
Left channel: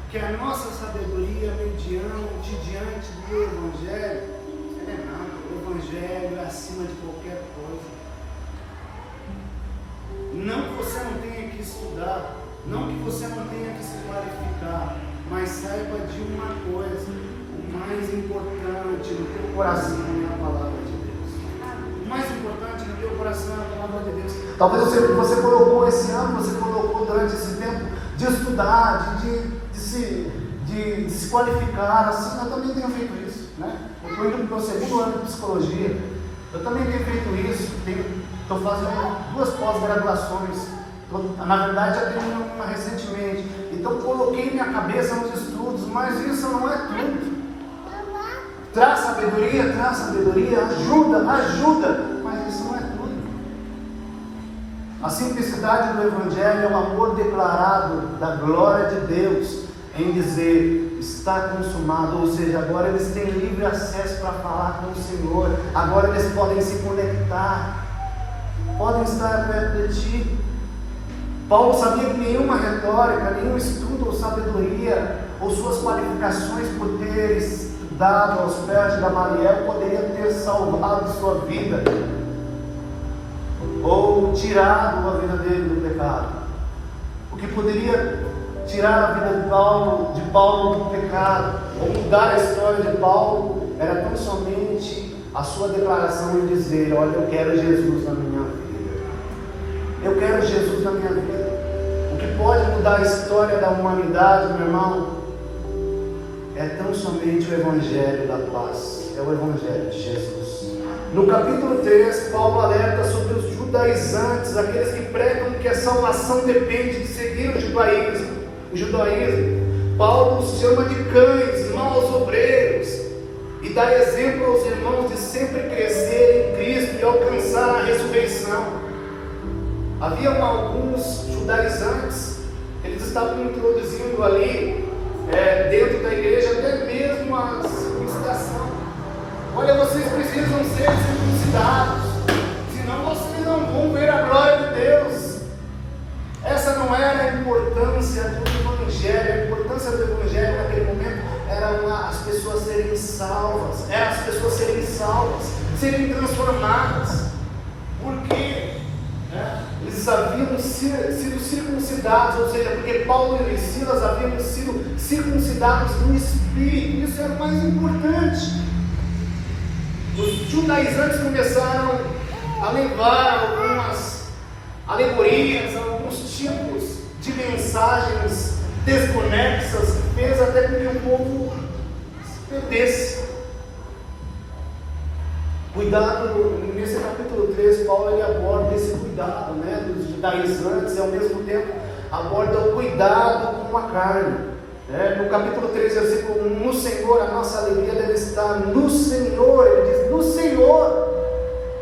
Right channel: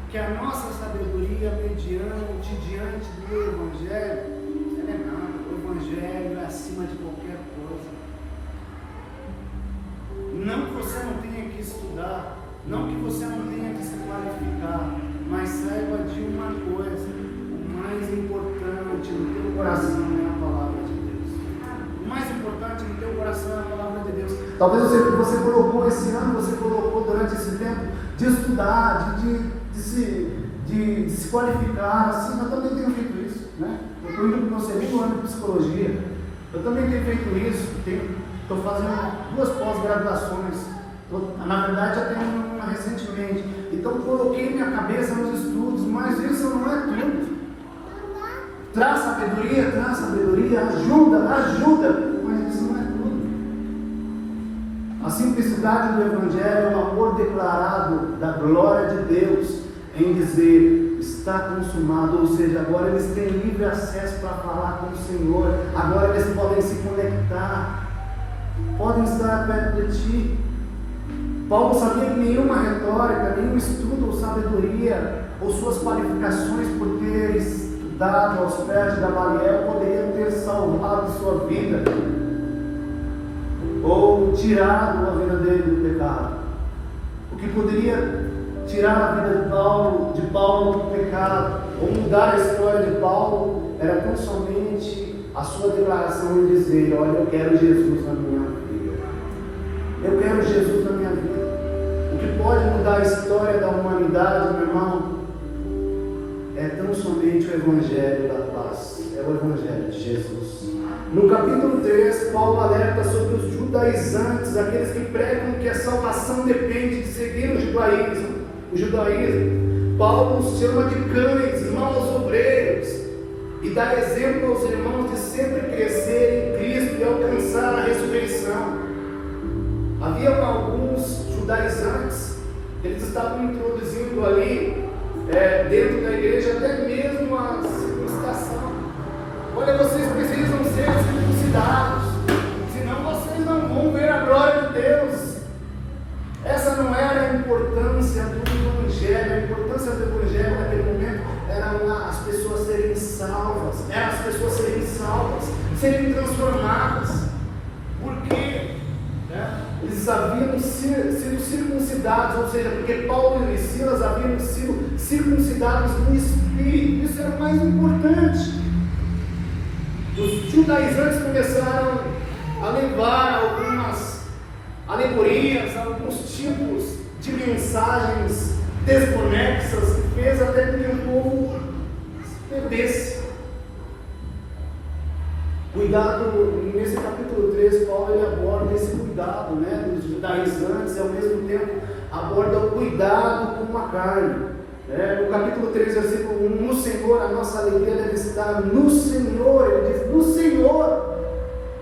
que a nossa sabedoria mediante diante do Evangelho, ela é nada. O Evangelho é acima de qualquer coisa. Não que você não tenha que estudar, não que você não tenha que se qualificar, mas saiba de uma coisa: o mais importante no teu coração é a palavra de Deus. O mais importante no teu coração é a palavra de Deus. Talvez você colocou esse ano, você colocou durante esse tempo de estudar, de se qualificar. Assim, eu também tenho feito isso, né? Eu estou indo para o segundo ano de psicologia. Eu também tenho feito isso. Estou fazendo 2 pós-graduações. Na verdade, já tenho uma recentemente. Então, coloquei minha cabeça nos estudos, mas isso não é tudo. Traz sabedoria, ajuda, mas isso não é tudo. A simplicidade do Evangelho é o amor declarado da glória de Deus em dizer: está consumado, ou seja, agora eles têm livre acesso para falar com o Senhor, agora eles podem se conectar, podem estar perto de ti. Paulo sabia que nenhuma retórica, nenhum estudo ou sabedoria, ou suas qualificações por ter estudado aos pés de Gamaliel poderia ter salvado sua vida, ou tirado a vida dele do pecado. O que poderia tirar a vida de Paulo do pecado, ou mudar a história de Paulo, era tão somente a sua declaração em dizer: olha, eu quero Jesus na minha vida, eu quero Jesus na minha vida. O que pode mudar a história da humanidade, meu irmão, é tão somente o Evangelho da paz, é o Evangelho de Jesus. No capítulo 3, Paulo alerta sobre os judaizantes, aqueles que pregam que a salvação depende de seguir o judaísmo. Paulo os chama de cães, maus obreiros, e dá exemplo aos irmãos de sempre crescer em Cristo e alcançar a ressurreição. Havia alguns judaizantes, eles estavam introduzindo ali, dentro da igreja, até mesmo a circuncidação. Olha, vocês precisam ser circuncidados, senão vocês não vão ver a glória de Deus. Essa não era a importância do Evangelho. A importância do Evangelho naquele momento era as pessoas serem salvas, serem transformadas. Por quê? Eles haviam sido circuncidados, ou seja, porque Paulo e Silas haviam sido circuncidados no Espírito. Isso era o mais importante. Os judaizantes começaram a levar algumas alegorias, alguns tipos de mensagens desconexas, que fez até que o povo se perdesse. Cuidado, nesse capítulo 3, Paulo ele aborda esse cuidado, dos judaizantes, e ao mesmo tempo aborda o cuidado com a carne. No capítulo 3, versículo 1, no Senhor a nossa alegria deve estar no Senhor. Ele diz: no Senhor,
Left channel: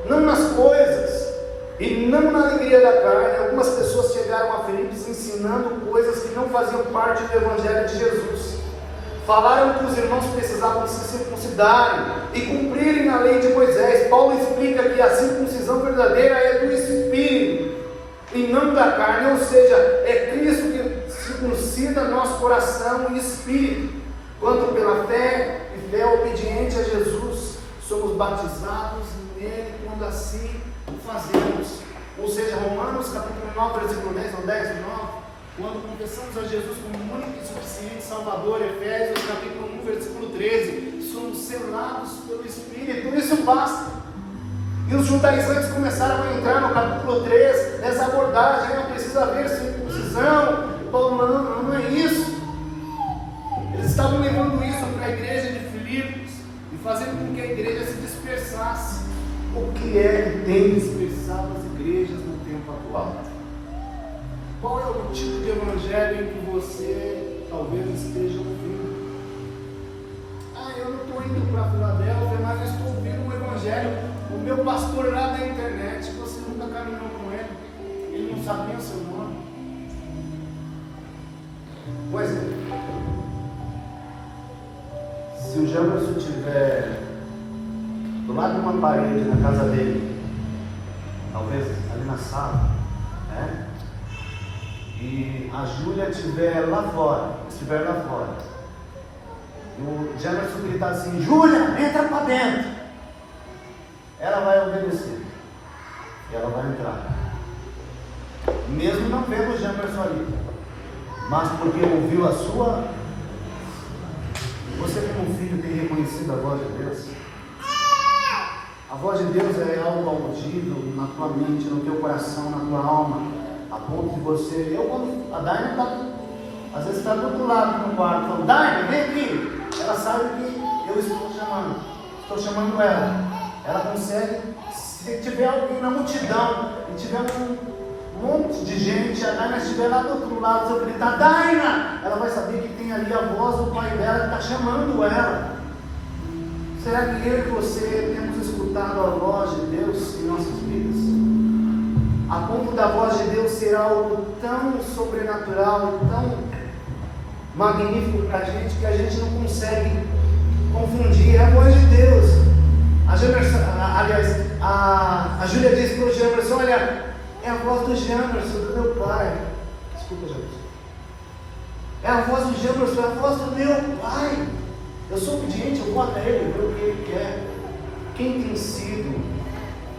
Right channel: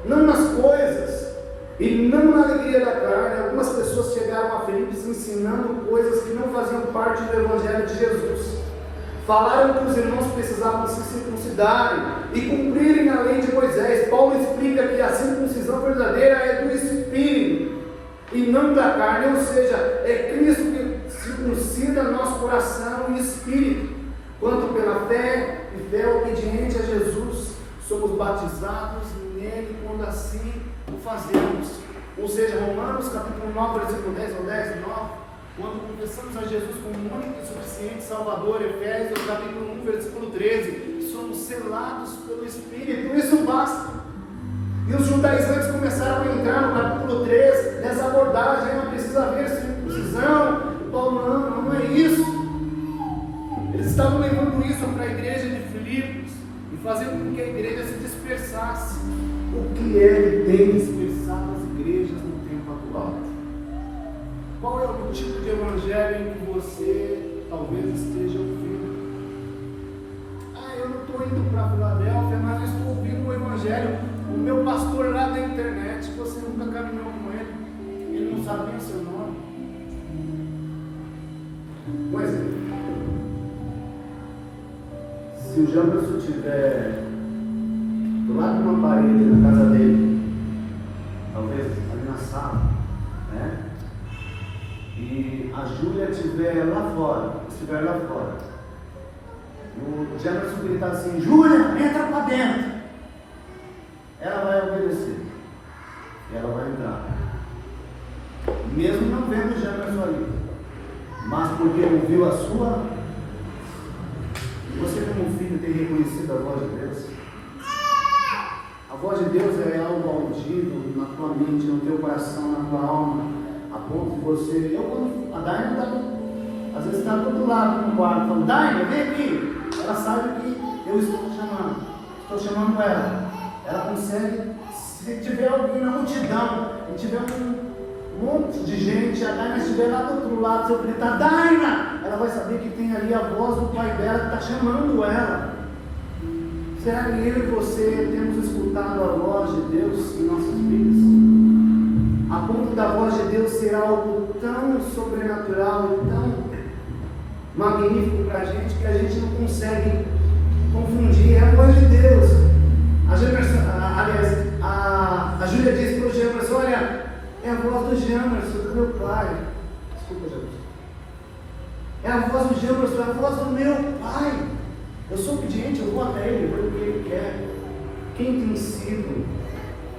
não nas coisas, e não na alegria da carne. Algumas pessoas chegaram a Filipos ensinando coisas que não faziam parte do Evangelho de Jesus. Falaram que os irmãos precisavam se circuncidarem e cumprirem a lei de Moisés. Paulo explica que a circuncisão verdadeira é do Espírito e não da carne, ou seja, é Cristo que circuncida nosso coração e espírito. Quanto pela fé e fé obediente a Jesus, somos batizados nele quando assim o fazemos. Ou seja, Romanos capítulo 9, versículo 10 ou 10 e 9, quando confessamos a Jesus como único e suficiente Salvador. Efésios capítulo 1, versículo 13, somos selados pelo Espírito, isso basta. E os judaizantes começaram a entrar no capítulo 3, nessa abordagem: não precisa haver circuncisão. Paulo, não é isso. Eles estavam levando isso para a igreja de Filipos e fazendo com que a igreja se dispersasse. O que é que tem dispersado as igrejas no tempo atual? Qual é o tipo de evangelho em que você talvez esteja ouvindo? Eu não estou indo para Filadélfia, mas eu estou ouvindo o evangelho. O meu pastor lá da internet, você nunca caminhou com ele, ele não sabia o seu nome. Por exemplo, se o Jamerson estiver do lado de uma parede na casa dele, talvez ali na sala, e a Júlia estiver lá fora, e o Jamerson gritar assim: Júlia, entra para dentro. Ela vai obedecer, ela vai entrar, mesmo não vendo o Jamerson ali, mas porque ouviu a sua. Você como filho tem reconhecido a voz de Deus? A voz de Deus é algo audível na tua mente, no teu coração, na tua alma, a ponto de você. Quando a Daina está, às vezes está do outro lado no quarto, falando: Daina, vem aqui. Ela sabe que eu estou chamando ela. Ela consegue, se tiver alguém na multidão, e tiver um monte de gente, a Daina estiver lá do outro lado, se eu gritar: Daina, ela vai saber que tem ali a voz do pai dela que está chamando ela. Será que eu e você temos escutado a voz de Deus em nossas vidas? A ponto da voz de Deus ser algo tão sobrenatural e tão magnífico para a gente que a gente não consegue confundir. É a voz de Deus. A Júlia disse para o Jamerson: olha, é a voz do Jamerson, do meu pai. Desculpa, Jamerson. É a voz do Jamerson, é a voz do meu pai. Eu sou obediente, eu vou até ele, porque ele quer. Quem tem sido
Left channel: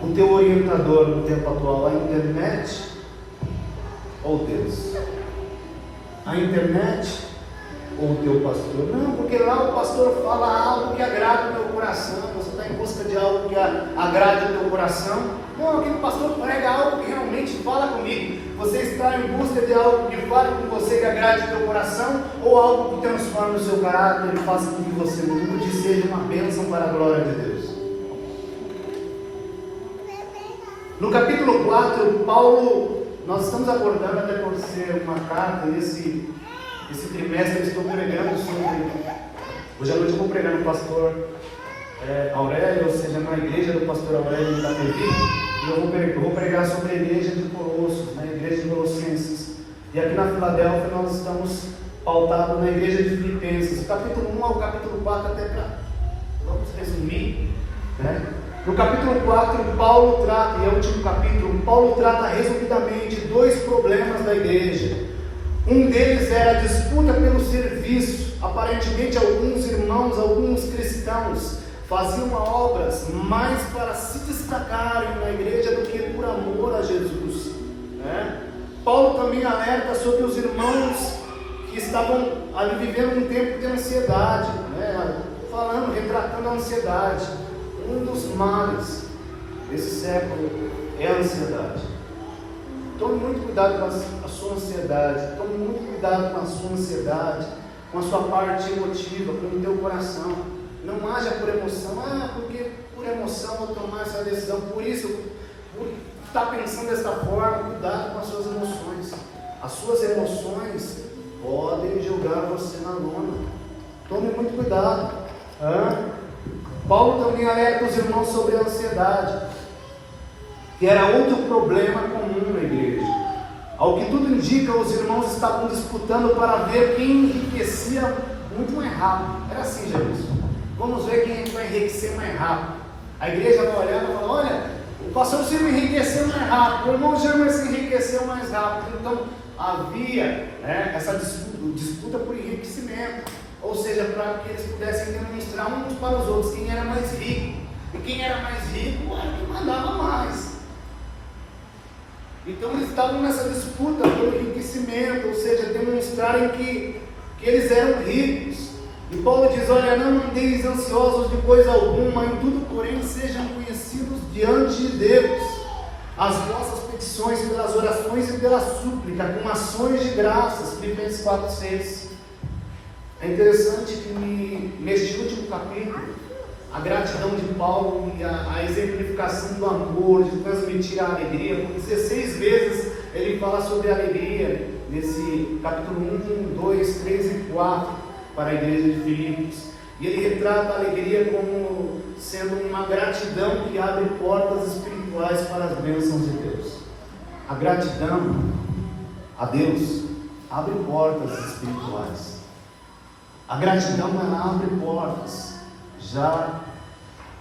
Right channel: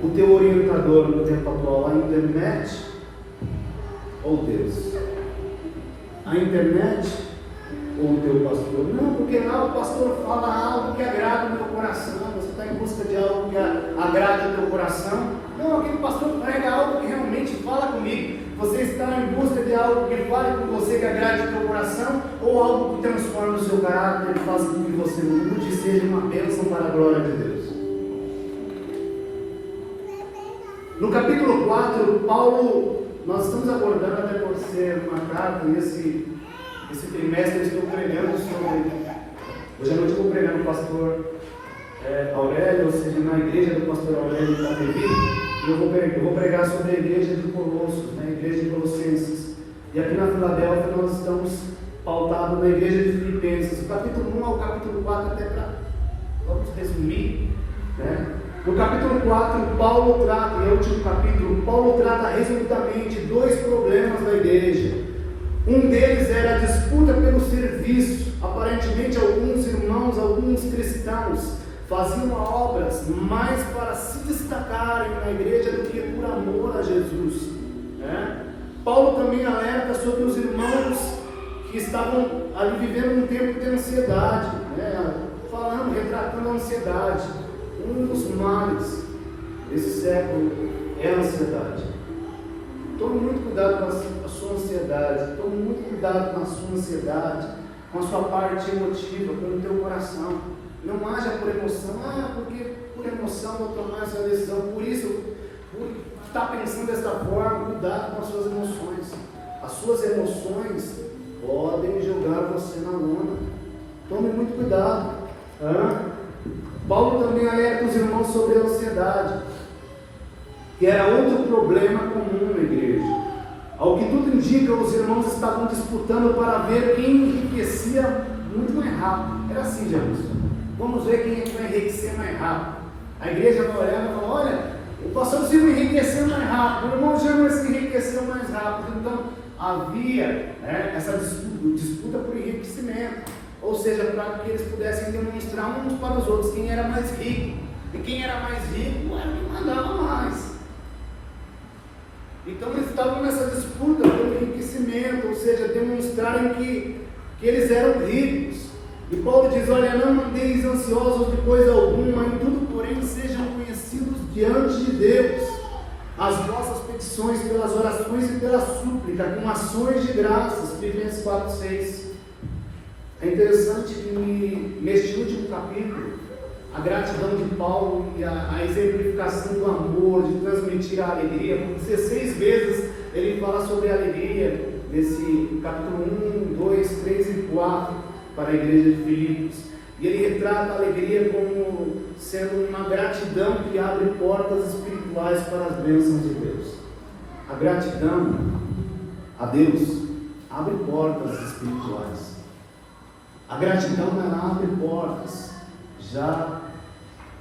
o teu orientador no tempo atual? A internet ou Deus? A internet ou o teu pastor? Não, porque lá o pastor fala algo que agrada o teu coração. Você está em busca de algo que agrade o teu coração. Não, aquele pastor prega algo que realmente fala comigo. Você está em busca de algo que fale com você, que agrade o teu coração, ou algo que transforme o seu caráter e faça com que você mude e seja uma bênção para a glória de Deus. No capítulo 4, Paulo, nós estamos abordando, né, por ser uma carta, e esse trimestre eu estou pregando sobre. Hoje à noite eu vou pregar no pastor Aurélio, ou seja, na igreja do pastor Aurélio em Itapevi, e eu vou pregar sobre a igreja de Colossos, na igreja de Colossenses. E aqui na Filadélfia nós estamos pautados na igreja de Filipenses, do capítulo 1 ao capítulo 4, até para. Vamos resumir, né? No capítulo 4, Paulo trata, e é o último capítulo, Paulo trata resumidamente dois problemas da igreja. Um deles era a disputa pelo serviço. Aparentemente alguns irmãos, alguns cristãos faziam obras mais para se destacarem na igreja do que por amor a Jesus, né? Paulo também alerta sobre os irmãos que estavam ali vivendo um tempo de ansiedade, né? Retratando a ansiedade. Um dos males desse século é a ansiedade. Tome muito cuidado com a sua ansiedade. Tome muito cuidado com a sua ansiedade, com a sua parte emotiva, com o teu coração. Não haja por emoção. Porque por emoção eu tomar essa decisão. Por isso, por estar pensando dessa forma, cuidado com as suas emoções. As suas emoções podem jogar você na lona. Tome muito cuidado. Paulo também alerta os irmãos sobre a ansiedade, que era outro problema comum na igreja. Ao que tudo indica, os irmãos estavam disputando para ver quem enriquecia muito mais rápido. Era assim, Jesus. Vamos ver quem vai enriquecer mais rápido. A igreja vai olhar e vai falar: olha, o pastor Silvio enriqueceu mais rápido, o irmão James enriqueceu mais rápido. Então havia essa disputa por enriquecimento. Ou seja, para que eles pudessem demonstrar uns para os outros quem era mais rico. E quem era mais rico era o que mandava mais. Então eles estavam nessa disputa pelo enriquecimento, ou seja, demonstrarem que eles eram ricos. E Paulo diz: olha, não andeis ansiosos de coisa alguma, em tudo, porém, sejam conhecidos diante de Deus as vossas petições pelas orações e pela súplica, com ações de graças. Filipenses 4:6. É interessante que neste último capítulo, a gratidão de Paulo e a exemplificação do amor, de transmitir a alegria, por 16 vezes ele fala sobre a alegria, nesse capítulo 1, 2, 3 e 4, para a igreja de Filipos. E ele retrata a alegria como sendo uma gratidão que abre portas espirituais para as bênçãos de Deus. A gratidão a Deus abre portas espirituais. A gratidão ela abre portas, já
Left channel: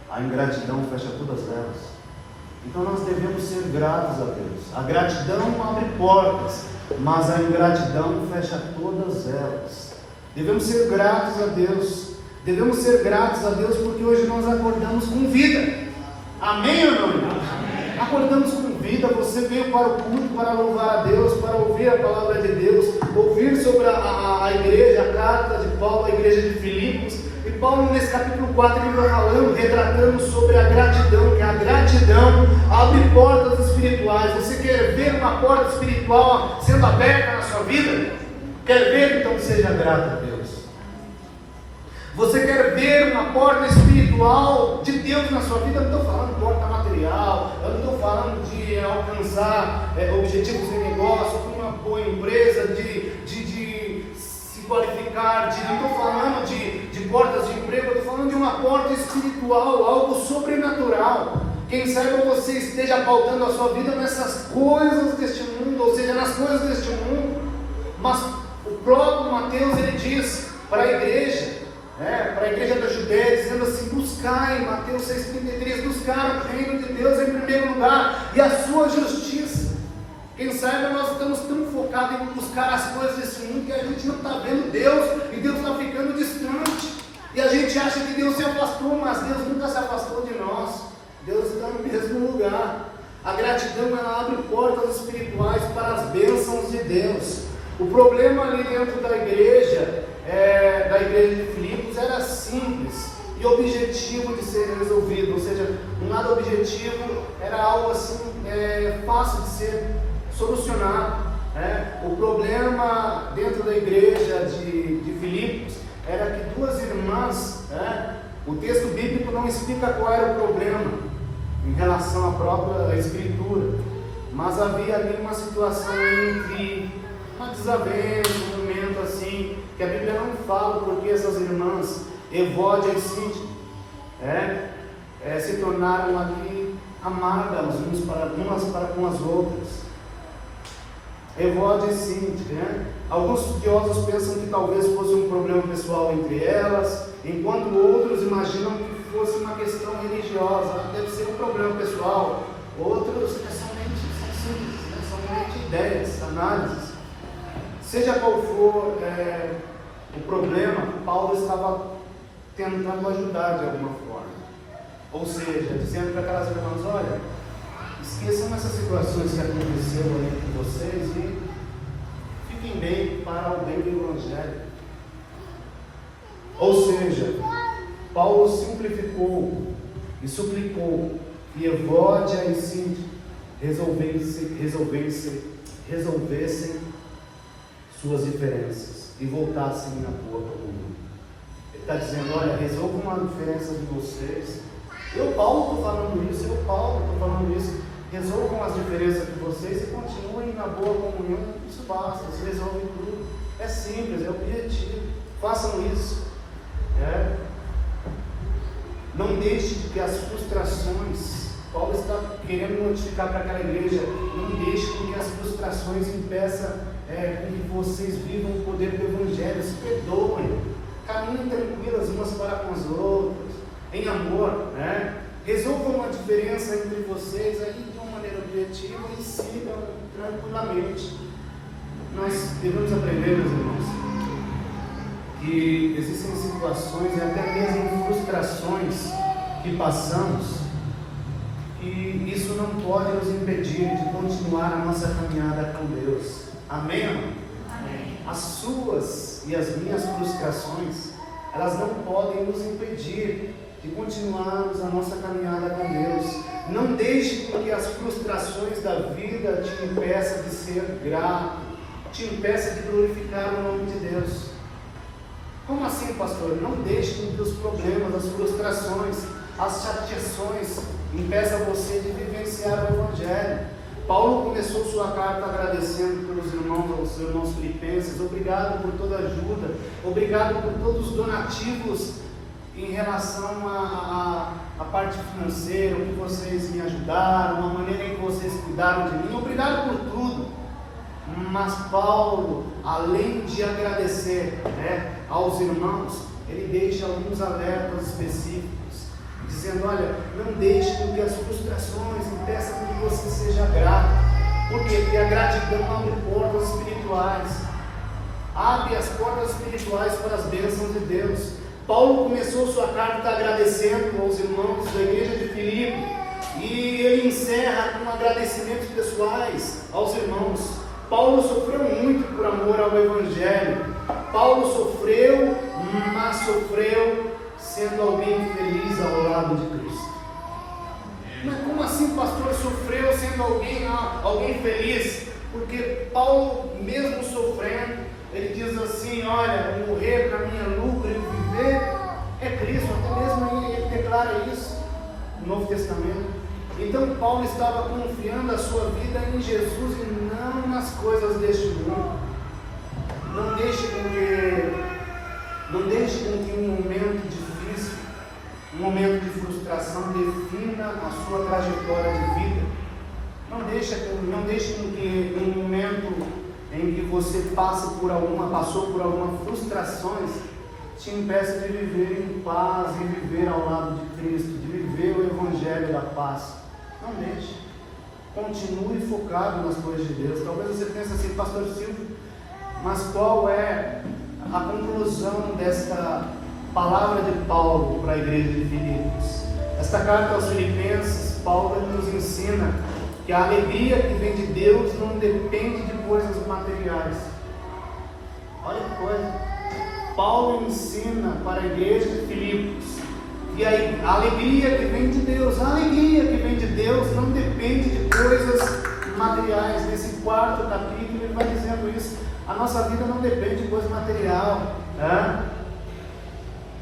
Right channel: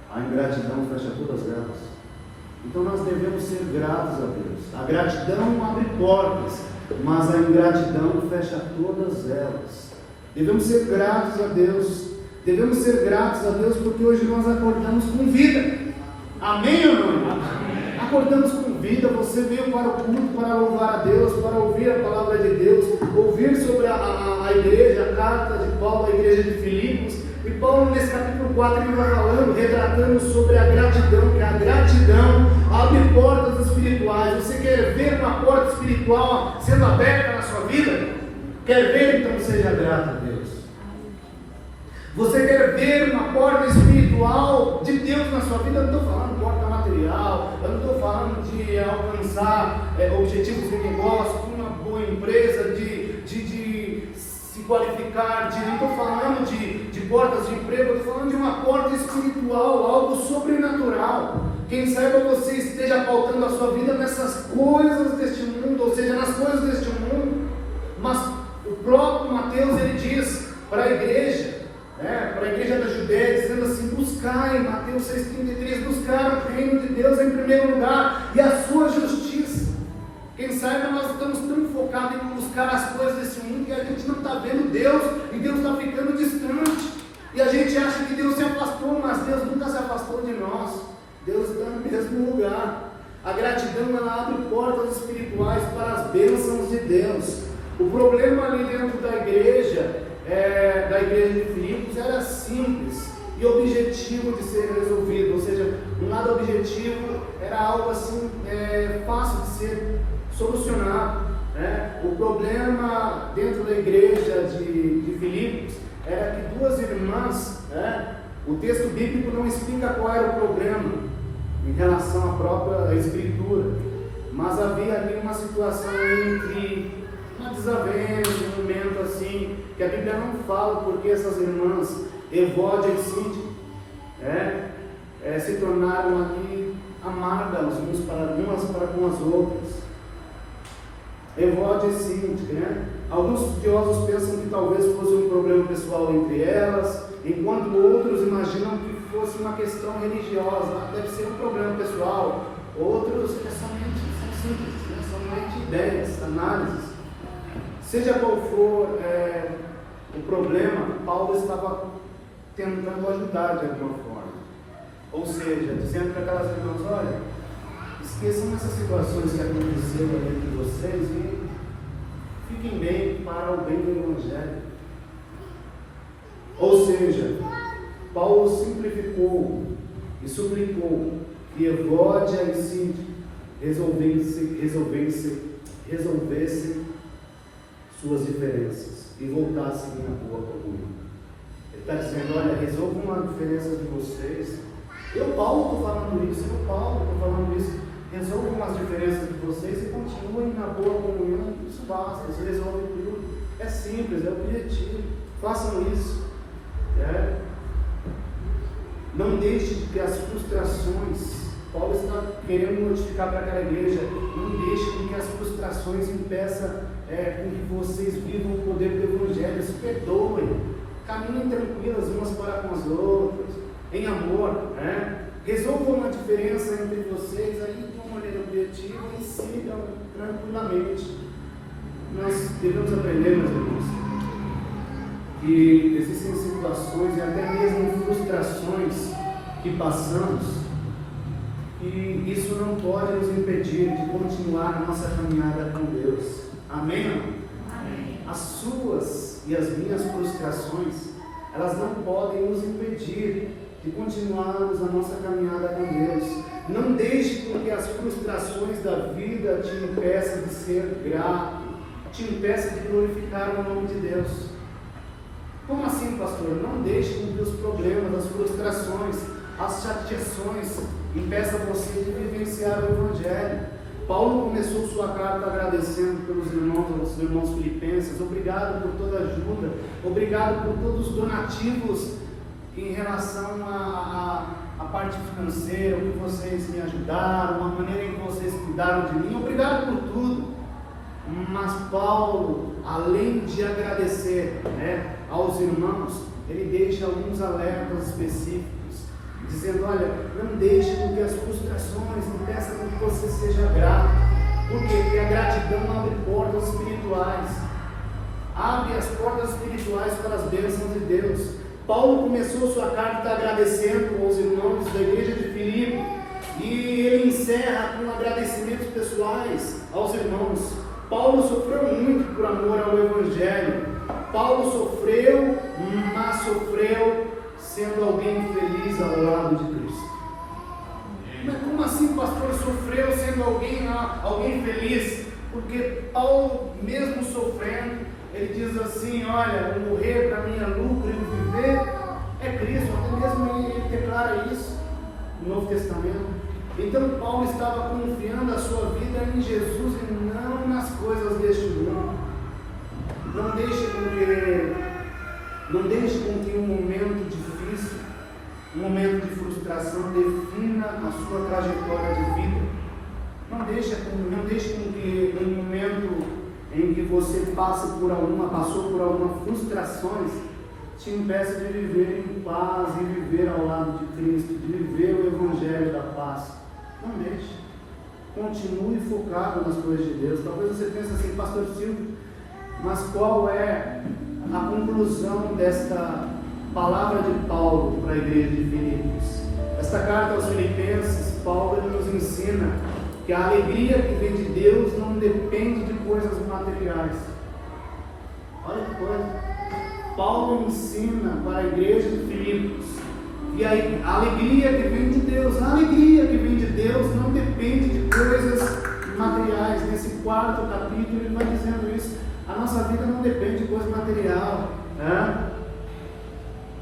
a ingratidão fecha todas elas. Então nós devemos ser gratos a Deus. A gratidão abre portas, mas a ingratidão fecha todas elas. Devemos ser gratos a Deus. Devemos ser gratos a Deus porque hoje nós acordamos com vida. Amém ou não? Amém. Acordamos com vida. Você veio para o culto para louvar a Deus, para ouvir a palavra de Deus, ouvir sobre a igreja, a carta de Paulo, a igreja de Filipos. E Paulo, nesse capítulo 4, ele vai falando, retratando sobre a gratidão, que a gratidão abre portas espirituais. Você quer ver uma porta espiritual sendo aberta na sua vida? Quer ver? Então seja grato a Deus. Você quer ver uma porta espiritual de Deus na sua vida? Eu não estou falando de porta material, eu não estou falando de alcançar objetivos de negócio, de uma boa empresa, de se qualificar, não estou falando de portas de emprego, eu estou falando de uma porta espiritual, algo sobrenatural. Quem saiba você esteja pautando a sua vida nessas coisas deste mundo, ou seja, nas coisas deste mundo, mas o próprio Mateus, ele diz para a igreja, para a igreja da Judéia, dizendo assim: buscai, Mateus 6,33, buscar o reino de Deus em primeiro lugar e a sua justiça. Quem sabe nós estamos tão focados em buscar as coisas desse mundo que a gente não está vendo Deus, e Deus está ficando distante, e a gente acha que Deus se afastou, mas Deus nunca se afastou de nós. Deus está no mesmo lugar. A gratidão, ela abre portas espirituais para as bênçãos de Deus. O problema ali dentro da igreja de Filipos, era simples e objetivo de ser resolvido, ou seja, um lado objetivo era algo assim fácil de ser solucionado. O problema dentro da igreja de Filipos era que duas irmãs, o texto bíblico não explica qual era o problema em relação à própria escritura, mas havia ali uma situação entre uma desavença, um momento assim, que a Bíblia não fala porque essas irmãs, Evódia e Síntique, se tornaram ali amadas umas para com as outras. Evódia e Síntique, Alguns estudiosos pensam que talvez fosse um problema pessoal entre elas, enquanto outros imaginam que fosse uma questão religiosa, deve ser um problema pessoal. Outros são simples, são somente ideias, análises. Seja qual for o problema, Paulo estava tentando ajudar de alguma forma. Ou seja, dizendo para aquelas irmãs: olha, esqueçam essas situações que aconteceram aí entre vocês e fiquem bem para o bem do Evangelho. Ou seja, Paulo simplificou e suplicou que Evódia e Síntique resolvessem suas diferenças e voltassem na boa comunhão. Ele está dizendo: olha, resolvam a diferença de vocês. Paulo, estou falando isso. Resolvam as diferenças de vocês e continuem na boa comunhão. Isso basta, isso resolve tudo. É simples, é objetivo. Façam isso. Não deixe que as frustrações, Paulo está querendo notificar para aquela igreja, não deixe que as frustrações impeçam com que vocês vivam o poder do Evangelho. Se perdoem, caminhem tranquilas umas para com as outras, em amor, resolvam a diferença entre vocês aí de uma maneira objetiva e sigam tranquilamente. Nós devemos aprender, meus irmãos, que existem situações e até mesmo frustrações que passamos, e isso não pode nos impedir de continuar a nossa caminhada com Deus. Amém? Amém. As suas e as minhas frustrações, elas não podem nos impedir de continuarmos a nossa caminhada com Deus. Não deixe que as frustrações da vida te impeçam de ser grato, te impeçam de glorificar o nome de Deus. Como assim, pastor? Não deixe que os problemas, as frustrações, as chateações impeçam você de vivenciar o Evangelho. Paulo começou sua carta agradecendo pelos irmãos, aos irmãos filipenses. Obrigado por toda a ajuda, obrigado por todos os donativos em relação à parte financeira, o que vocês me ajudaram, a maneira em que vocês cuidaram de mim. Obrigado por tudo. Mas Paulo, além de agradecer aos irmãos, ele deixa alguns alertas específicos, dizendo: olha, não deixe com que as frustrações impeçam que você seja grato. Por quê? Porque a gratidão abre portas espirituais, abre as portas espirituais para as bênçãos de Deus. Paulo começou sua carta agradecendo aos irmãos da igreja de Filipe, e ele encerra com agradecimentos pessoais aos irmãos. Paulo sofreu muito por amor ao Evangelho. Paulo sofreu, mas sofreu sendo alguém feliz ao lado de Cristo. Mas como assim, pastor, sofreu sendo alguém feliz? Porque Paulo, mesmo sofrendo, ele diz assim: olha, o morrer para mim é lucro e o viver é Cristo. Até mesmo ele declara isso no Novo Testamento. Então Paulo estava confiando a sua vida em Jesus e não nas coisas deste mundo. Não deixe com que um momento difícil, um momento de frustração defina a sua trajetória de vida. Não deixe com que um momento em que você passou por algumas frustrações, te impeça de viver em paz e viver ao lado de Cristo, de viver o Evangelho da paz. Não deixe. Continue focado nas coisas de Deus. Talvez você pense assim, pastor Silvio, mas qual é a conclusão desta palavra de Paulo para a igreja de Filipos? Esta carta aos Filipenses, Paulo nos ensina que a alegria que vem de Deus não depende de coisas materiais. Olha que coisa. Paulo ensina para a igreja de Filipos que a alegria que vem de Deus, não depende de coisas materiais. Nesse 4º capítulo ele vai dizendo isso. A nossa vida não depende de coisa material, né?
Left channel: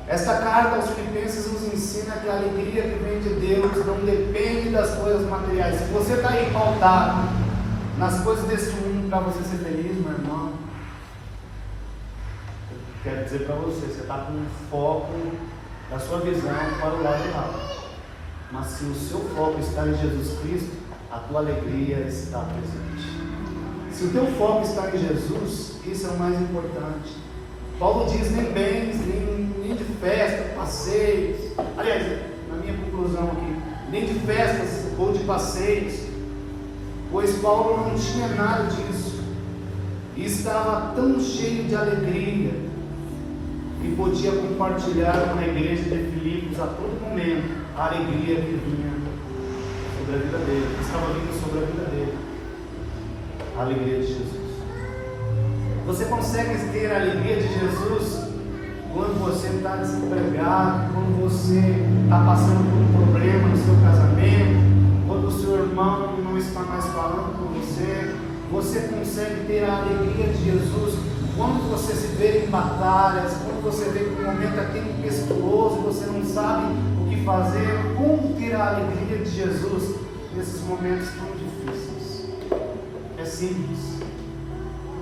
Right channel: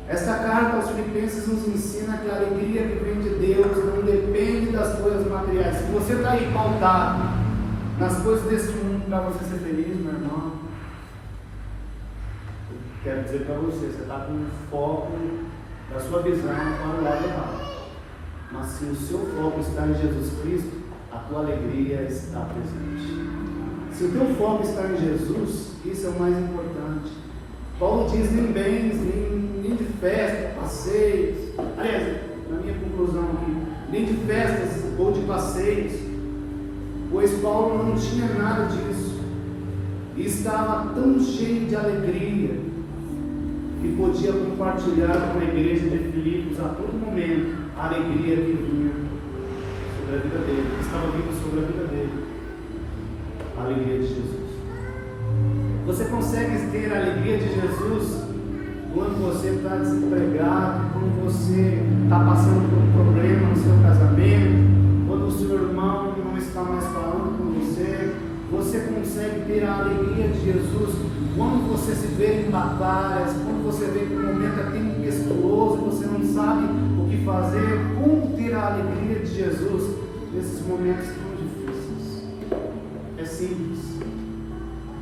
Esta carta aos Filipenses nos ensina que a alegria que vem de Deus não depende das coisas materiais. Se você está aí pautado nas coisas desse mundo para você ser feliz, meu irmão, eu quero dizer para você está com o foco da sua visão para o lado errado. Mas se o seu foco está em Jesus Cristo, a tua alegria está presente. Se o teu foco está em Jesus, isso é o mais importante. Paulo diz: nem bens, nem de festa, passeios. Aliás, na minha conclusão aqui, nem de festas ou de passeios, pois Paulo não tinha nada disso, e estava tão cheio de alegria, que podia compartilhar com a igreja de Filipos a todo momento a alegria que vinha sobre a vida dele, que estava vindo sobre a vida dele, a alegria de Jesus. Você consegue ter a alegria de Jesus quando você está desempregado, quando você está passando por um problema no seu casamento, quando o seu irmão não está mais falando com você. Você consegue ter a alegria de Jesus quando você se vê em batalhas, quando você vê que o momento é tempestuoso, você não sabe o que fazer. Como ter a alegria de Jesus nesses momentos tão difíceis? É simples.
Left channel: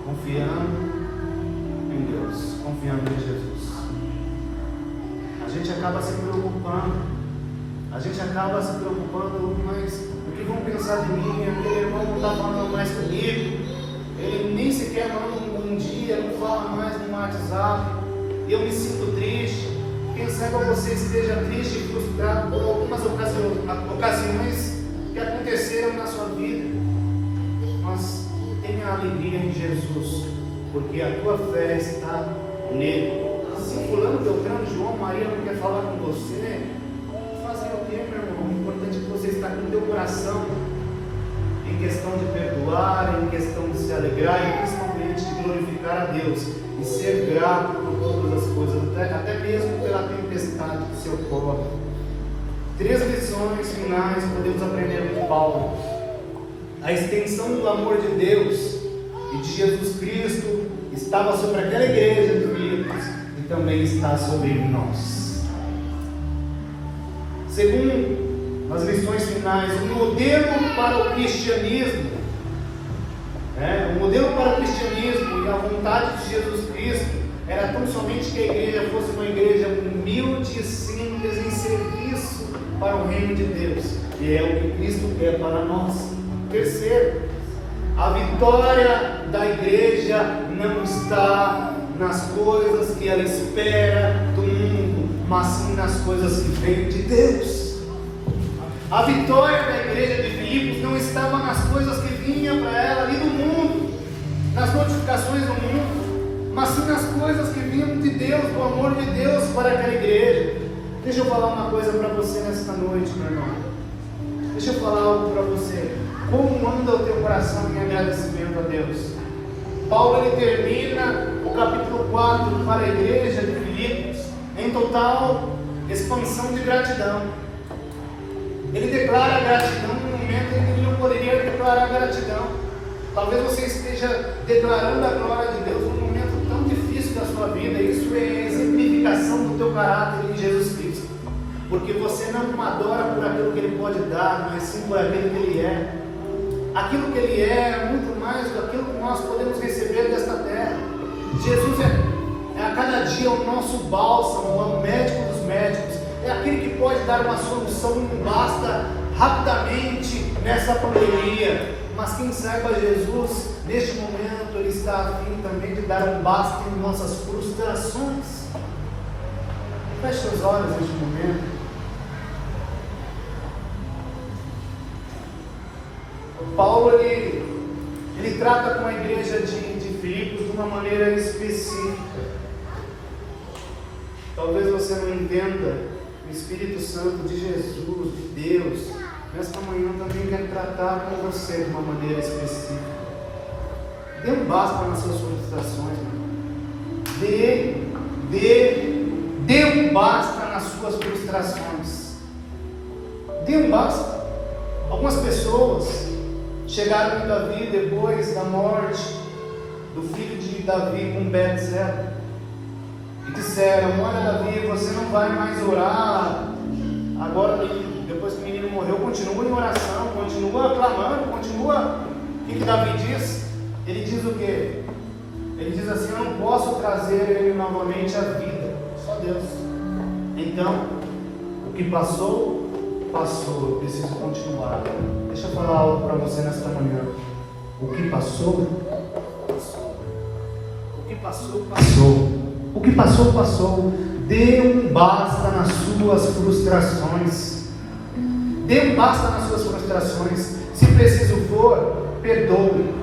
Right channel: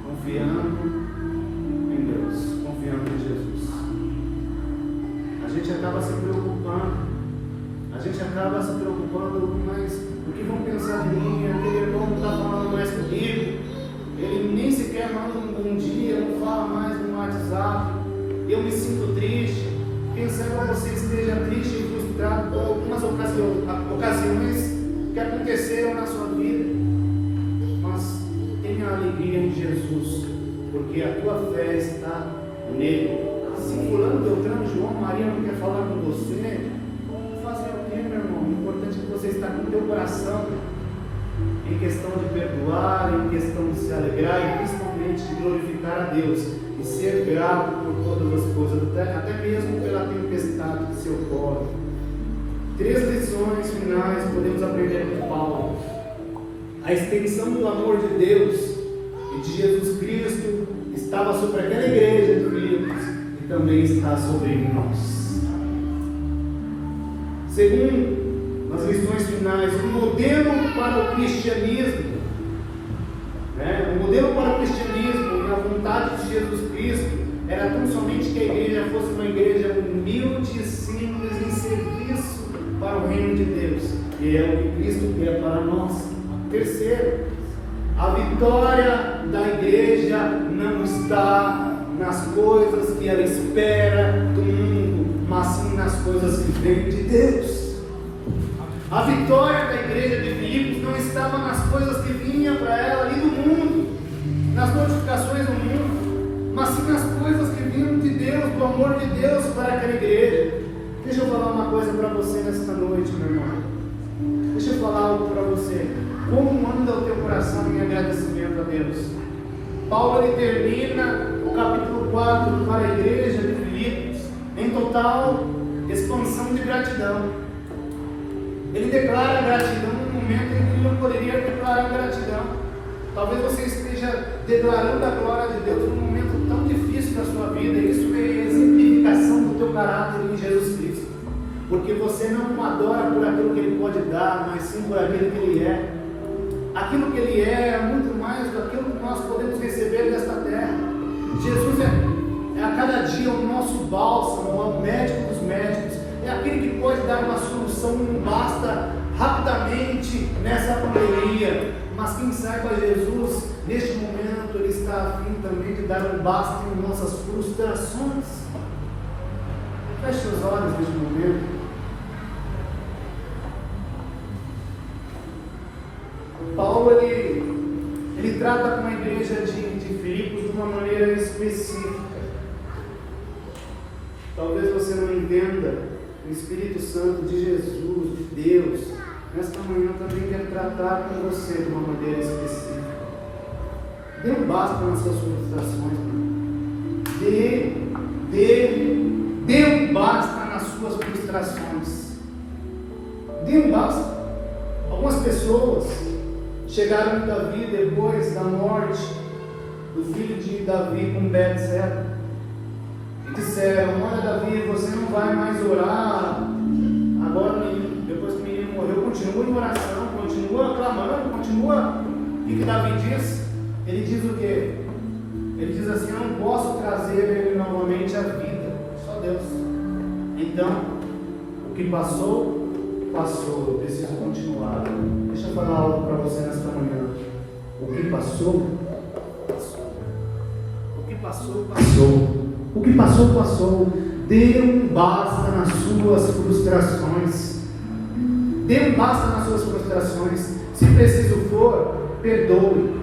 Confiando em Deus, confiando em Jesus. A gente acaba se preocupando, mas o que vão pensar de mim? Aquele irmão não está falando mais comigo, ele nem sequer manda um dia, não fala mais no WhatsApp, eu me sinto triste. Quem sabe você esteja triste e frustrado por algumas ocasiões que aconteceram na sua vida, mas tenha alegria em Jesus, porque a tua fé está nele. Se fulano, Beltrano, João, Maria não quer falar com você, fazer o quê, meu irmão? O importante é que você está com o teu coração em questão de perdoar, em questão de se alegrar e principalmente de glorificar a Deus e ser grato por todas as coisas, até mesmo pela tempestade que se ocorre. 3 lições finais podemos aprender com Paulo. A extensão do amor de Deus e de Jesus Cristo estava sobre aquela igreja de Filipos e também está sobre nós. Segundo, as lições finais, o modelo para o cristianismo, o modelo para o cristianismo e a vontade de Jesus Cristo era tão somente que a igreja fosse uma igreja humilde e simples em serviço para o reino de Deus, e é o que Cristo quer para nós. Terceiro, a vitória da igreja não está nas coisas que ela espera do mundo, mas sim nas coisas que vêm de Deus. A vitória da igreja de Filipos não estava nas coisas que vinham para ela ali do mundo, nas notificações do mundo, mas sim nas coisas que vinham de Deus, do amor de Deus para aquela igreja. Deixa eu falar uma coisa para você nesta noite, meu irmão. Deixa eu falar algo para você. Como anda o teu coração em agradecimento a Deus? Paulo ele termina o capítulo 4 para a igreja de Filipos em total expansão de gratidão. Ele declara gratidão no momento em que ele não poderia declarar gratidão. Talvez você esteja declarando a glória de Deus num momento tão difícil da sua vida. Isso é exemplificação do teu caráter em Jesus Cristo, porque você não adora por aquilo que Ele pode dar, mas sim por aquilo que Ele é. Aquilo que Ele é muito mais do que aquilo que nós podemos receber desta terra. Jesus é a cada dia o nosso bálsamo, é o médico dos médicos, é aquele que pode dar uma solução, não basta rapidamente nessa pandemia, mas quem saiba Jesus, neste momento, Ele está está a fim também de dar um basta em nossas frustrações. Feche seus olhos neste momento. Paulo, ele trata com a igreja de Filipos de uma maneira específica. Talvez você não entenda, o Espírito Santo de Jesus, de Deus, nesta manhã também quer tratar com você de uma maneira específica. Dê um basta nas suas frustrações, dê um basta nas suas frustrações. Dê um basta. Algumas pessoas chegaram em Davi depois da morte do filho de Davi com Betseba e disseram: olha, Davi, você não vai mais orar agora, depois que o menino morreu. Continua em oração, continua clamando, continua. O que Davi diz? Ele diz o quê? Ele diz assim: eu não posso trazer ele novamente à vida, só Deus. Então, o que passou, passou, eu preciso continuar. Deixa eu falar algo para você nesta manhã. O que passou, passou. O que passou, passou. O que passou, passou. Dê um basta nas suas frustrações. Dê um basta nas suas frustrações. Se preciso for, perdoe.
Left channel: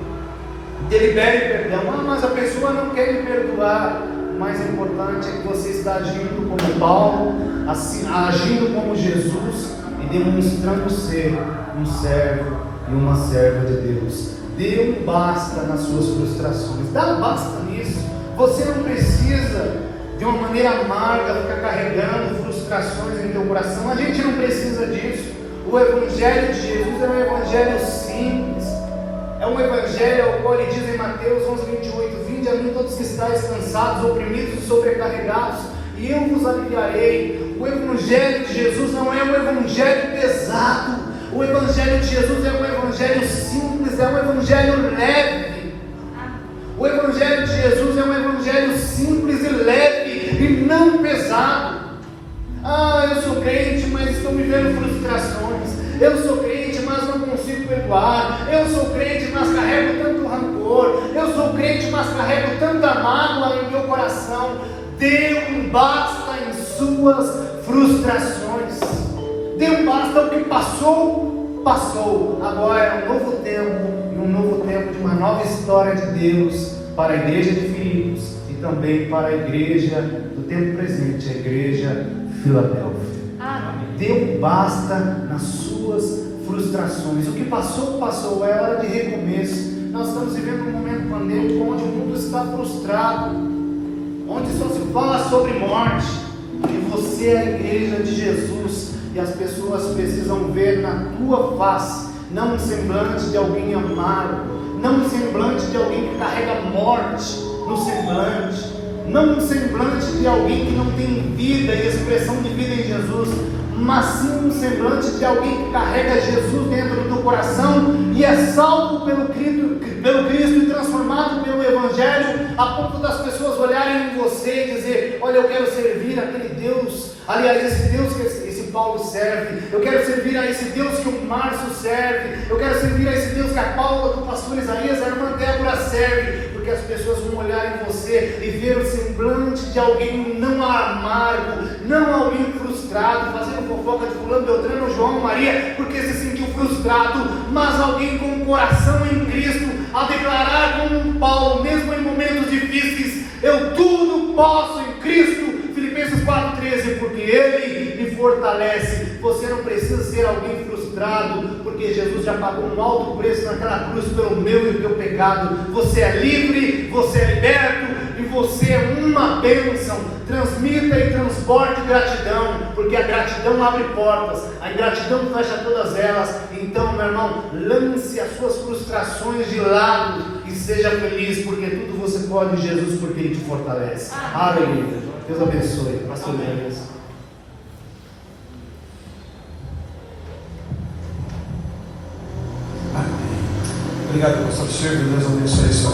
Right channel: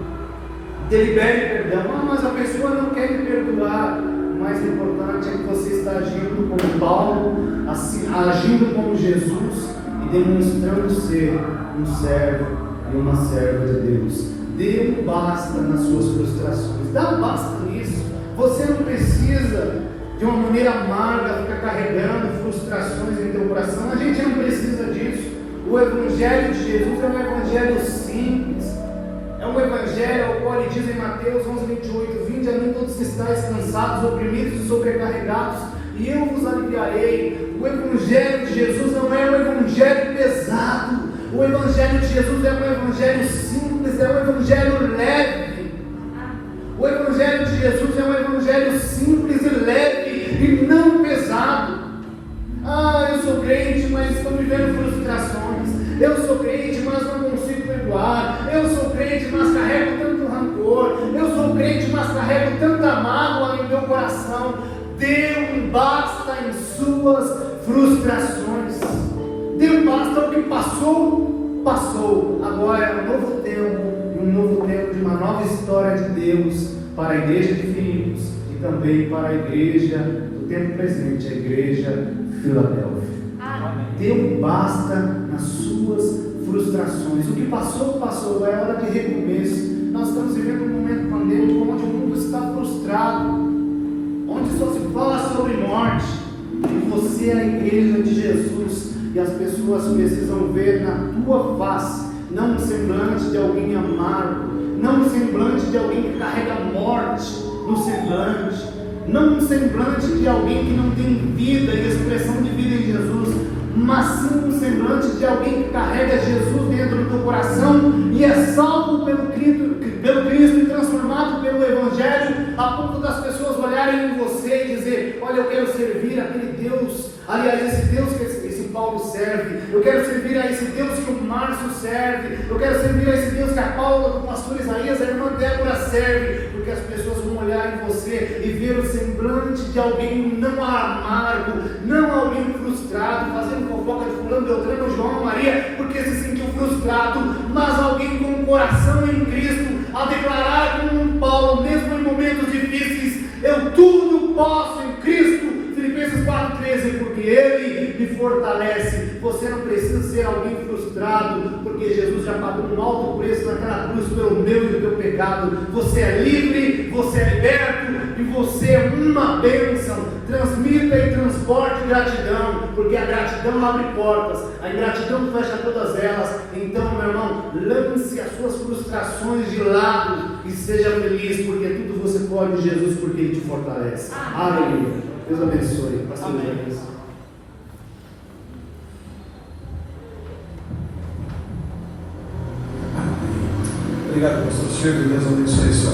Delibere perdão. Mas a pessoa não quer me perdoar. O mais importante é que você está agindo como Paulo, assim, agindo como Jesus e demonstrando ser um servo e uma serva de Deus. Dê um basta nas suas frustrações. Dá um basta nisso. Você não precisa de uma maneira amarga ficar carregando frustrações em teu coração. A gente não precisa disso. O Evangelho de Jesus é um Evangelho simples. É um Evangelho ao qual ele diz em Mateus 11:28: vinde a mim todos que estáis cansados, oprimidos e sobrecarregados, e eu vos aliviarei. O Evangelho de Jesus não é um Evangelho pesado. O Evangelho de Jesus é um Evangelho simples, é um Evangelho leve. O Evangelho de Jesus é um Evangelho simples e leve e não pesado. Eu sou crente, mas estou vivendo frustrações. Eu sou crente, mas não consigo perdoar. Eu sou crente, mas carrego tanto rancor. Eu sou crente, mas carrego tanta mágoa no meu coração. Dê um basta em suas frustrações. Dê um basta. O que passou, passou. Agora é um novo tempo de uma nova história de Deus para a igreja de Filipos e também para a igreja do tempo presente, a igreja Filadélfia. Dê um basta nas suas frustrações. O que passou, passou. É hora de recomeço. Nós estamos vivendo um momento pandêmico onde o mundo está frustrado, onde só se fala sobre morte. E você é a igreja de Jesus, e as pessoas precisam ver na tua face não um semblante de alguém amargo, não um semblante de alguém que carrega morte no semblante, não um semblante de alguém que não tem vida e expressão de vida em Jesus, mas sim um semblante de alguém que carrega Jesus dentro do teu coração e é salvo pelo Cristo e transformado pelo Evangelho, a ponto das pessoas olharem em você e dizer: olha, eu quero servir aquele Deus, aliás, esse Deus que esse Paulo serve, eu quero servir a esse Deus que o Márcio serve, eu quero servir a esse Deus que a Paula do pastor Isaías, a irmã Débora serve, porque as pessoas vão olhar em você e ver o semblante de alguém não amargo, não alguém frustrado, fazendo fofoca de fulano, Beltrano, João, Maria, porque se sentiu frustrado, mas alguém com o coração em Cristo, a declarar como um Paulo, mesmo em momentos difíceis: eu tudo posso em Cristo. Filipenses 4,13, porque Ele me fortalece. Você não precisa ser alguém frustrado, porque Jesus já pagou um alto preço naquela cruz pelo meu e o teu pecado. Você é livre, você é liberto e você é uma bênção. Transmita e transporte gratidão, porque a gratidão abre portas, a ingratidão fecha todas elas. Então, meu irmão, lance as suas frustrações de lado e seja feliz, porque tudo você pode em Jesus, porque Ele te fortalece. Aleluia. Deus abençoe. Pastor Deus. Obrigado, pastor Silvio. Deus abençoe.